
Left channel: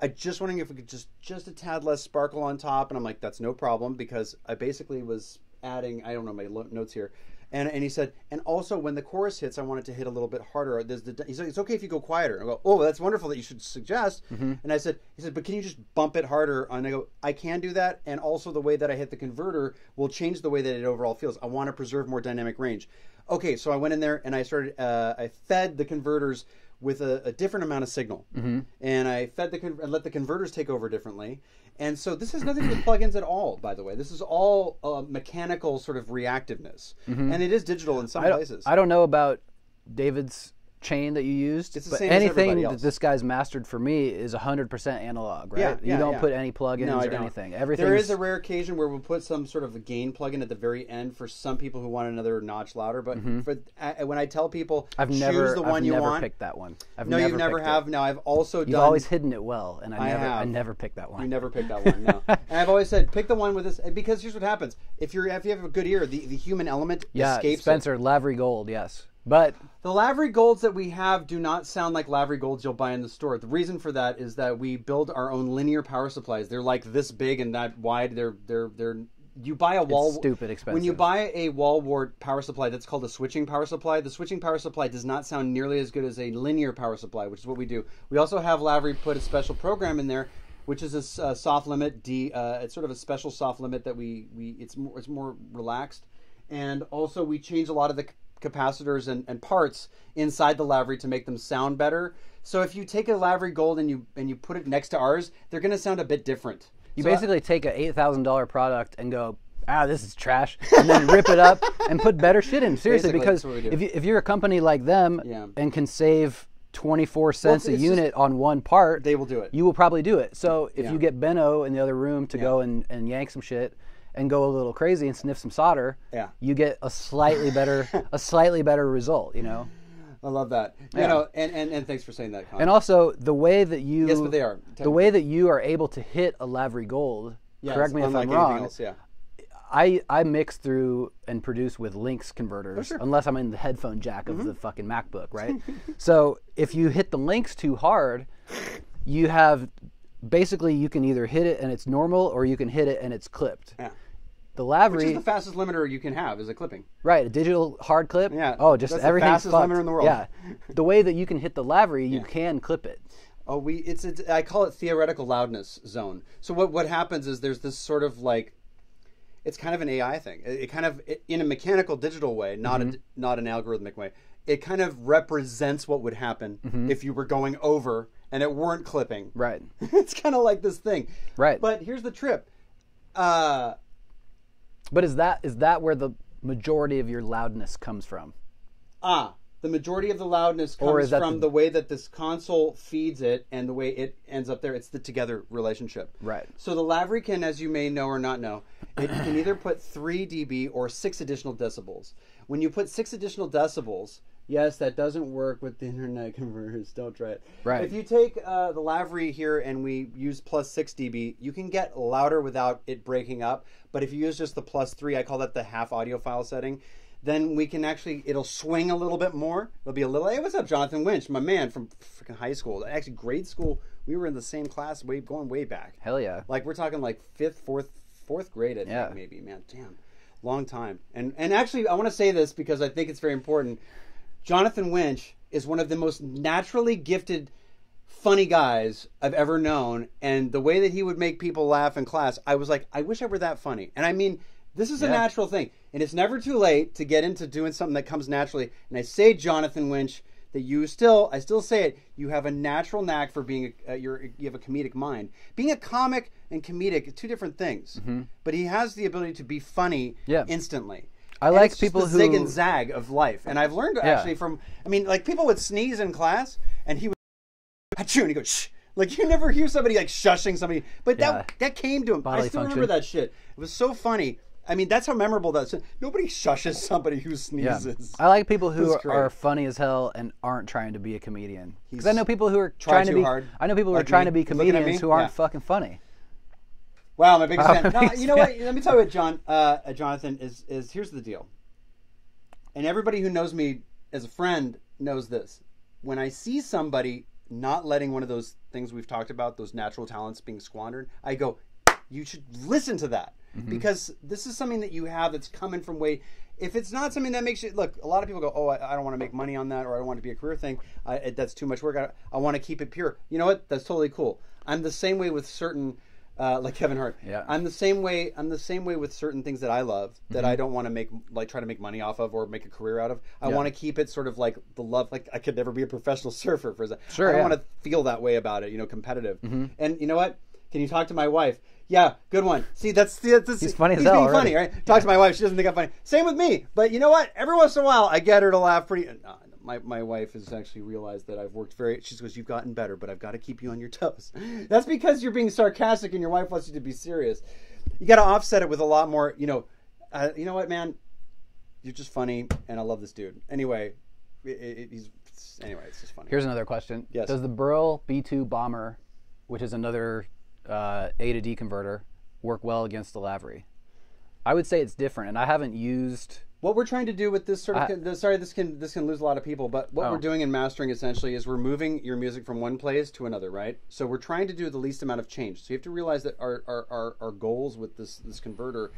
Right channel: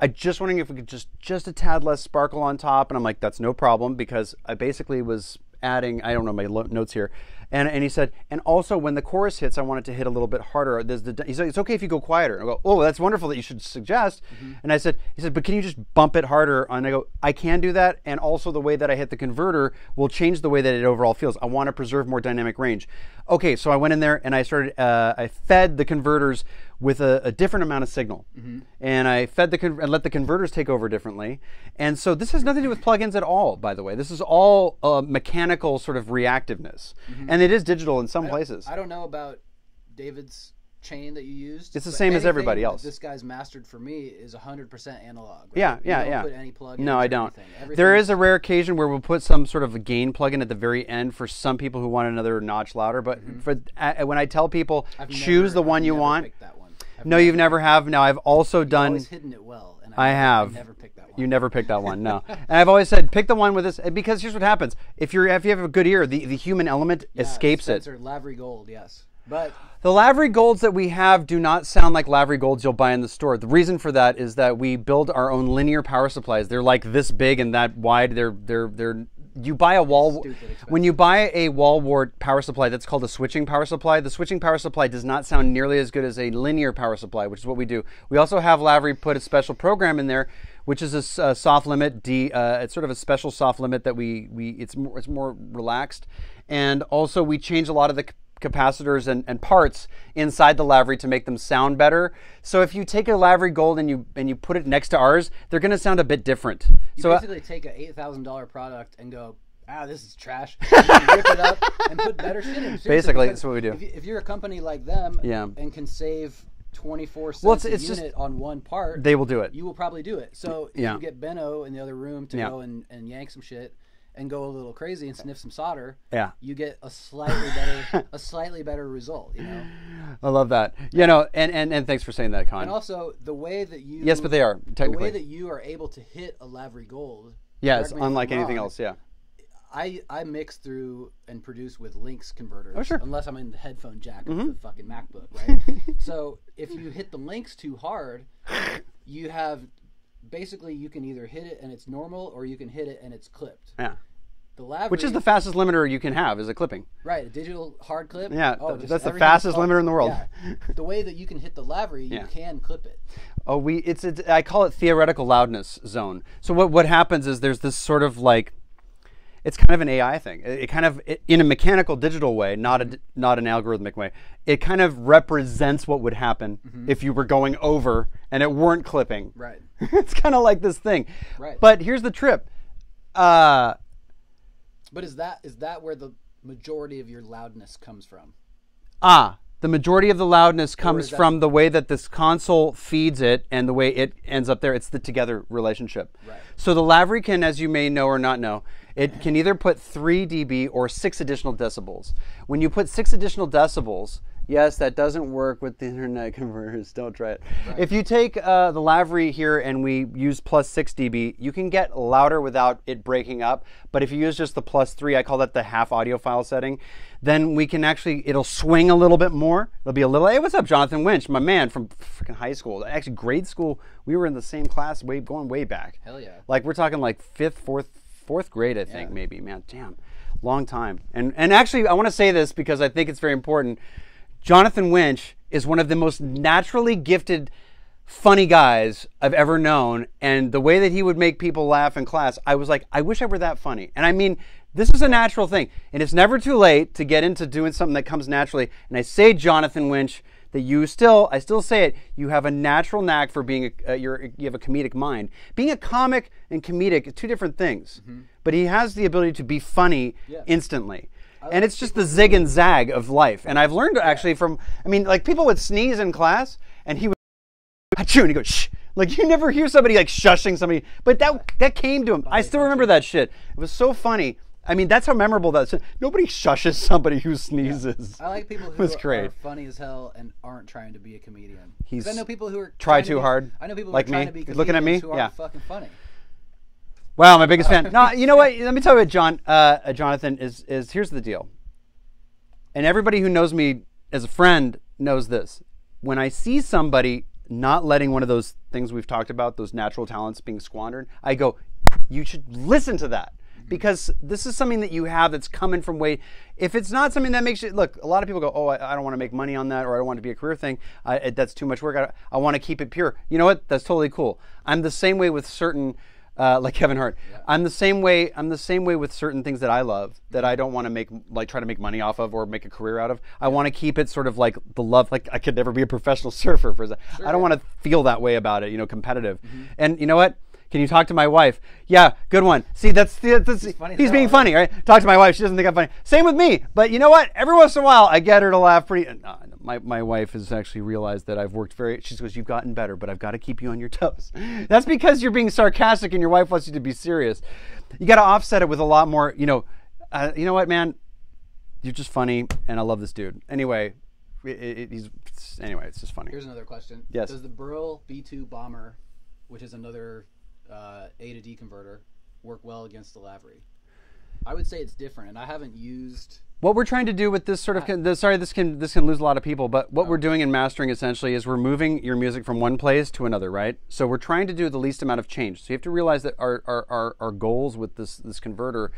I'm just wondering if we could just a tad less sparkle on top. And I'm like, that's no problem, because I basically was adding, I don't know my notes here. And he said, and also when the chorus hits, I want it to hit a little bit harder. He said, it's okay if you go quieter. And I go, oh, that's wonderful that you should suggest. And he said, but can you just bump it harder? And I go, I can do that. And also the way that I hit the converter will change the way that it overall feels. I want to preserve more dynamic range. Okay, so I went in there and I started, I fed the converters with a different amount of signal. And I fed I let the converters take over differently. And so this has nothing to do with plugins at all, by the way. This is all mechanical sort of reactiveness. And it is digital in some places. I don't know about David's chain that you used. It's the same as everybody else. That this guy's mastered for me is 100% analog, right? Yeah. You don't put any plugins. No, I don't. There is a rare occasion where we'll put some sort of a gain plugin at the very end for some people who want another notch louder. But when I tell people choose the one you want, I've never picked that one. No, you've never have. Now I've also done. You've always hidden it well, and I never picked that one. You never picked that one, no. And I've always said pick the one with this, because here's what happens: if you have a good ear, the human element escapes Spencer, Lavery Gold, yes. But the Lavery Golds that we have do not sound like Lavery Golds you'll buy in the store. The reason for that is that we build our own linear power supplies. They're like this big and that wide. You buy a wall. It's stupid expensive. When you buy a wall wart power supply, that's called a switching power supply. The switching power supply does not sound nearly as good as a linear power supply, which is what we do. We also have Lavery put a special program in there, which is a soft limit. It's sort of a special soft limit that it's more relaxed, and also we change a lot of the capacitors and parts inside the Lavery to make them sound better. So if you take a Lavery Gold and you put it next to ours, they're going to sound a bit different. You basically take a $8,000 product and go, this is trash, and then rip it up and put better shit in. Seriously, basically, because that's what we do. If you're a company like them and can save 24 cents a unit on one part, they will do it. You will probably do it. So if you get Benno in the other room to go and yank some shit and go a little crazy and sniff some solder, you get a slightly better result, I love that. And thanks for saying that, Con. And also the way that you but they are the way that you are able to hit a Lavery Gold. Yes, unlike anything else. Yeah. I mix through and produce with Lynx converters, unless I'm in the headphone jack of the fucking MacBook, right? So if you hit the Lynx too hard, you have basically you can either hit it and it's normal, or you can hit it and it's clipped. Yeah. The Lavery, which is the fastest limiter you can have, is a clipping. Right, a digital hard clip. Yeah. Just that's the fastest limiter in the world. Yeah. The way that you can hit the Lavery, you can clip it. I call it theoretical loudness zone. So what happens is there's this sort of like, it's kind of an AI thing. It kind of, in a mechanical digital way, not an algorithmic way, it kind of represents what would happen if you were going over and it weren't clipping. Right. It's kind of like this thing. Right. But here's the trip. But is that where the majority of your loudness comes from? The majority of the loudness is comes that from the way that this console feeds it and the way it ends up there. It's the together relationship. Right. So the Lavry can, as you may know or not know, it can either put 3 dB or 6 additional decibels. When you put 6 additional decibels, yes, that doesn't work with the internet converters. Don't try it. Right. If you take the Lavry here and we use plus 6 dB, you can get louder without it breaking up. But if you use just the plus 3, I call that the half audiophile setting, then we can actually, it'll swing a little bit more. It'll be a little, hey, what's up, Jonathan Winch, my man from freaking high school. Actually, grade school, we were in the same class going way back. Hell yeah. Like, we're talking like fourth grade, I think, maybe. Man, damn, long time. And actually, I want to say this because I think it's very important. Jonathan Winch is one of the most naturally gifted, funny guys I've ever known. And the way that he would make people laugh in class, I was like, I wish I were that funny. And I mean, this is a natural thing. And it's never too late to get into doing something that comes naturally. And I say, Jonathan Winch, that I still say it, you have a natural knack for being, you have a comedic mind. Being a comic and comedic are two different things. Mm-hmm. But he has the ability to be funny instantly. And it's just the zig and zag of life. And I've learned actually from, I mean, like people would sneeze in class and he would, achoo, and he goes, shh. Like you never hear somebody like shushing somebody, but that came to him. I still remember that shit. It was so funny. I mean, that's how memorable that is. Nobody shushes somebody who sneezes. Yeah. I like people who are funny as hell and aren't trying to be a comedian. Because I know people who are trying too hard. I know people who are trying to be comedians who aren't fucking funny. Wow, my biggest fan. No, you know what? Let me tell you what, Jonathan, is here's the deal. And everybody who knows me as a friend knows this. When I see somebody not letting one of those things we've talked about, those natural talents being squandered, I go, you should listen to that. Mm-hmm. Because this is something that you have that's coming from way. If it's not something that makes you look, a lot of people go, oh, I don't want to make money on that, or I don't want it to be a career thing. That's too much work. I want to keep it pure. You know what? That's totally cool. I'm the same way with certain, like Kevin Hart. Yeah. I'm the same way with certain things that I love that I don't want to try to make money off of or make a career out of. I want to keep it sort of like the love. Like I could never be a professional surfer for that. Sure, I don't want to feel that way about it. Competitive. Mm-hmm. And you know what? Can you talk to my wife? Yeah, good one. See, that's he's funny. He's being funny, right? Talk to my wife. She doesn't think I'm funny. Same with me. But you know what? Every once in a while, I get her to laugh pretty. My wife has actually realized that I've worked she goes, you've gotten better, but I've got to keep you on your toes. That's because you're being sarcastic and your wife wants you to be serious. You got to offset it with a lot more. You know what, man? You're just funny, and I love this dude. Anyway, it's just funny. Here's another question. Yes. Does the Burl B2 Bomber, which is another A to D converter, work well against the Lavry? I would say it's different, and I haven't used. What we're trying to do with this sort of this can lose a lot of people, but what we're doing in mastering essentially is we're moving your music from one place to another, right? So we're trying to do the least amount of change. So you have to realize that our goals with this converter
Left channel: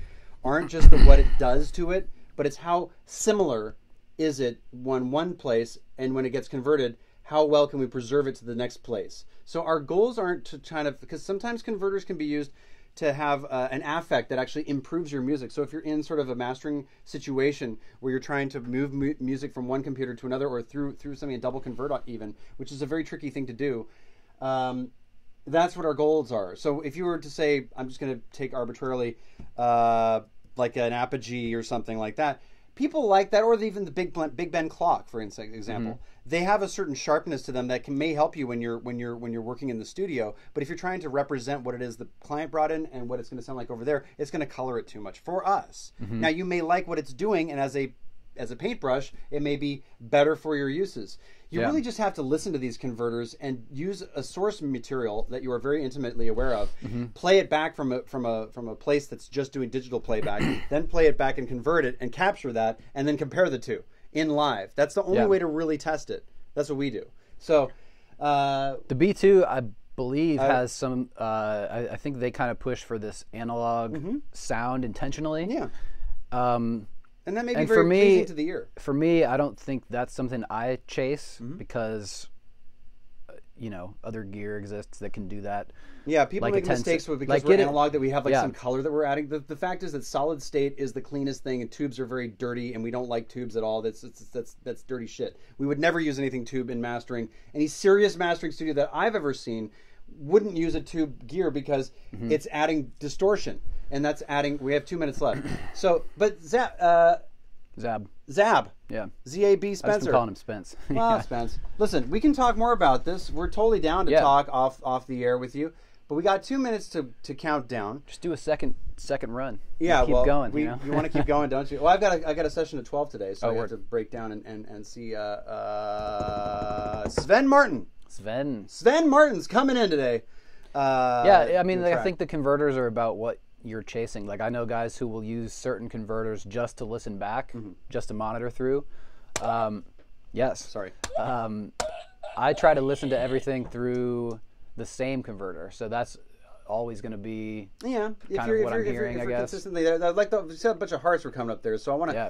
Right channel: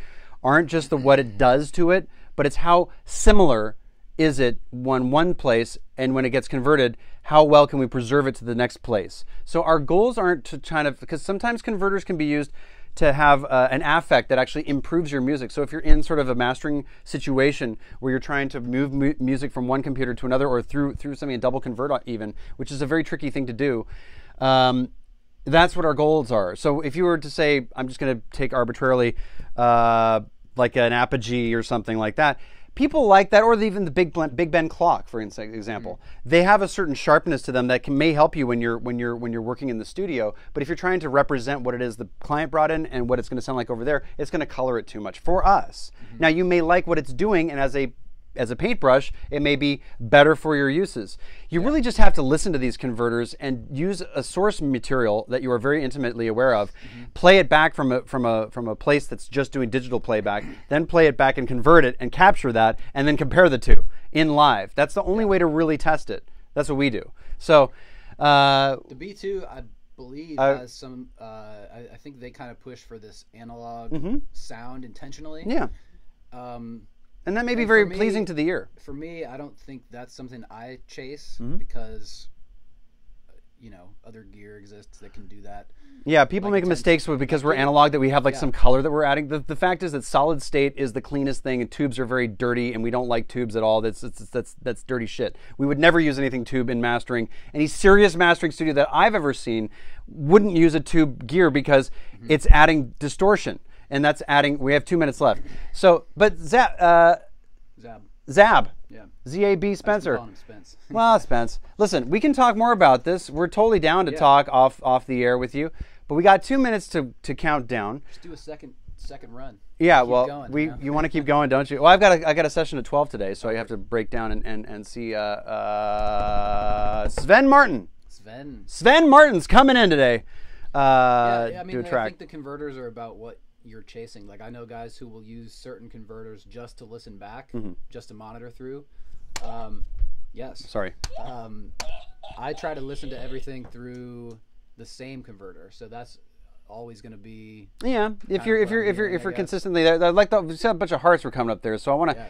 aren't just what it does to it, but it's how similar is it one place, and when it gets converted, how well can we preserve it to the next place? So our goals aren't to try to, because sometimes converters can be used to have an affect that actually improves your music. So if you're in sort of a mastering situation where you're trying to move music from one computer to another, or through something, a double convert even, which is a very tricky thing to do, that's what our goals are. So if you were to say, I'm just going to take arbitrarily like an Apogee or something like that, people like that, or even the Big Ben clock, for example. Mm-hmm. They have a certain sharpness to them that may help you when you're working in the studio. But if you're trying to represent what it is the client brought in and what it's going to sound like over there, it's going to color it too much for us. Mm-hmm. Now you may like what it's doing, and as a paintbrush, it may be better for your uses. You really just have to listen to these converters and use a source material that you are very intimately aware of. Mm-hmm. Play it back from a place that's just doing digital playback, then play it back and convert it and capture that, and then compare the two in live. That's the only way to really test it. That's what we do. So the B2, I believe, has some. I think they kind of push for this analog sound intentionally. Yeah. And that may be very pleasing to the ear. For me, I don't think that's something I chase because, other gear exists that can do that. Yeah, people make mistakes because we're analog, that we have some color that we're adding. The fact is that solid state is the cleanest thing, and tubes are very dirty, and we don't like tubes at all. That's dirty shit. We would never use anything tube in mastering. Any serious mastering studio that I've ever seen wouldn't use a tube gear because it's adding distortion. And that's adding. We have 2 minutes left. So, but Zab. Yeah. ZAB I was Spencer. calling him Spence. Well, Spence. Listen, we can talk more about this. We're totally down to talk off the air with you. But we got 2 minutes to count down. Just do a second run. Yeah, keep going, you want to keep going, don't you? Well, I got a session at 12 today, so I have to break down and see Sven Martin. Sven Martin's coming in today. I mean, I think the converters are about what you're chasing. Like, I know guys who will use certain converters just to listen back, just to monitor through. Yes. Sorry. I try to listen to everything through the same converter, so that's always going to be if you're consistently there. Like a bunch of hearts were coming up there, so I want to. Yeah.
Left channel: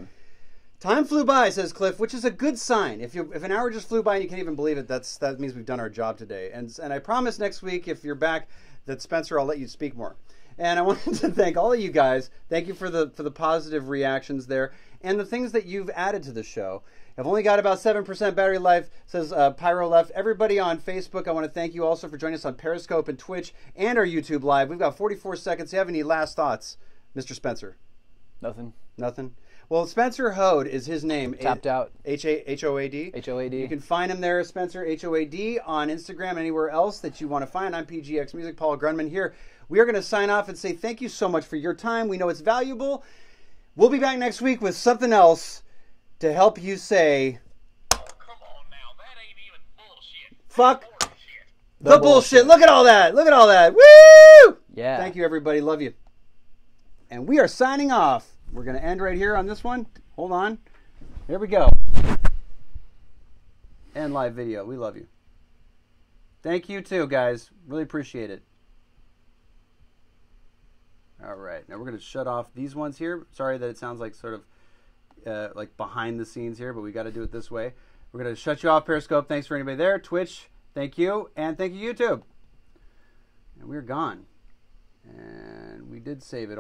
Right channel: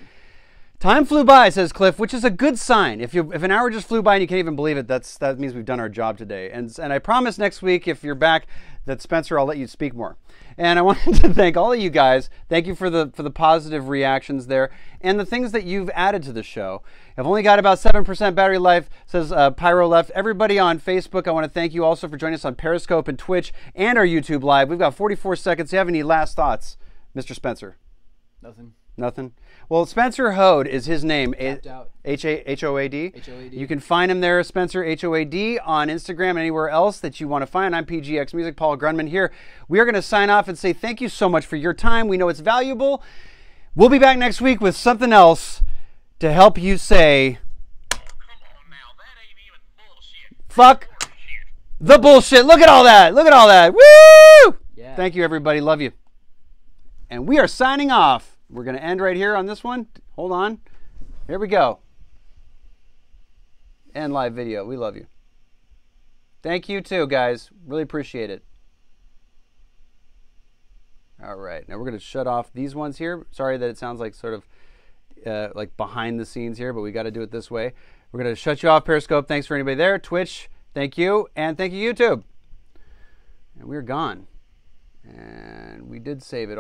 Time flew by, says Cliff, which is a good sign. If an hour just flew by and you can't even believe it, that means we've done our job today. And I promise next week, if you're back, that Spencer, I'll let you speak more. And I wanted to thank all of you guys. Thank you for the positive reactions there and the things that you've added to the show. I've only got about 7% battery life, says Pyro Left. Everybody on Facebook, I want to thank you also for joining us on Periscope and Twitch and our YouTube Live. We've got 44 seconds. Do you have any last thoughts, Mr. Spencer? Nothing? Well, Spencer Hoad is his name. Tapped out. H-O-A-D? H-O-A-D. You can find him there, Spencer, H-O-A-D, on Instagram and anywhere else that you want to find. I'm PGXMUSIC, Paul Grundman here. We are going to sign off and say thank you so much for your time. We know it's valuable. We'll be back next week with something else to help you say, oh, come on now, that ain't even bullshit. Fuck the bullshit. Look at all that. Woo! Yeah. Thank you, everybody. Love you. And we are signing off. We're going to end right here on this one. Hold on. Here we go. And live video. We love you. Thank you too, guys. Really appreciate it. All right. Now we're going to shut off these ones here. Sorry that it sounds like sort of like behind the scenes here, but we got to do it this way. We're going to shut you off, Periscope. Thanks for anybody there. Twitch, thank you. And thank you, YouTube. And we're gone. And we did save it already.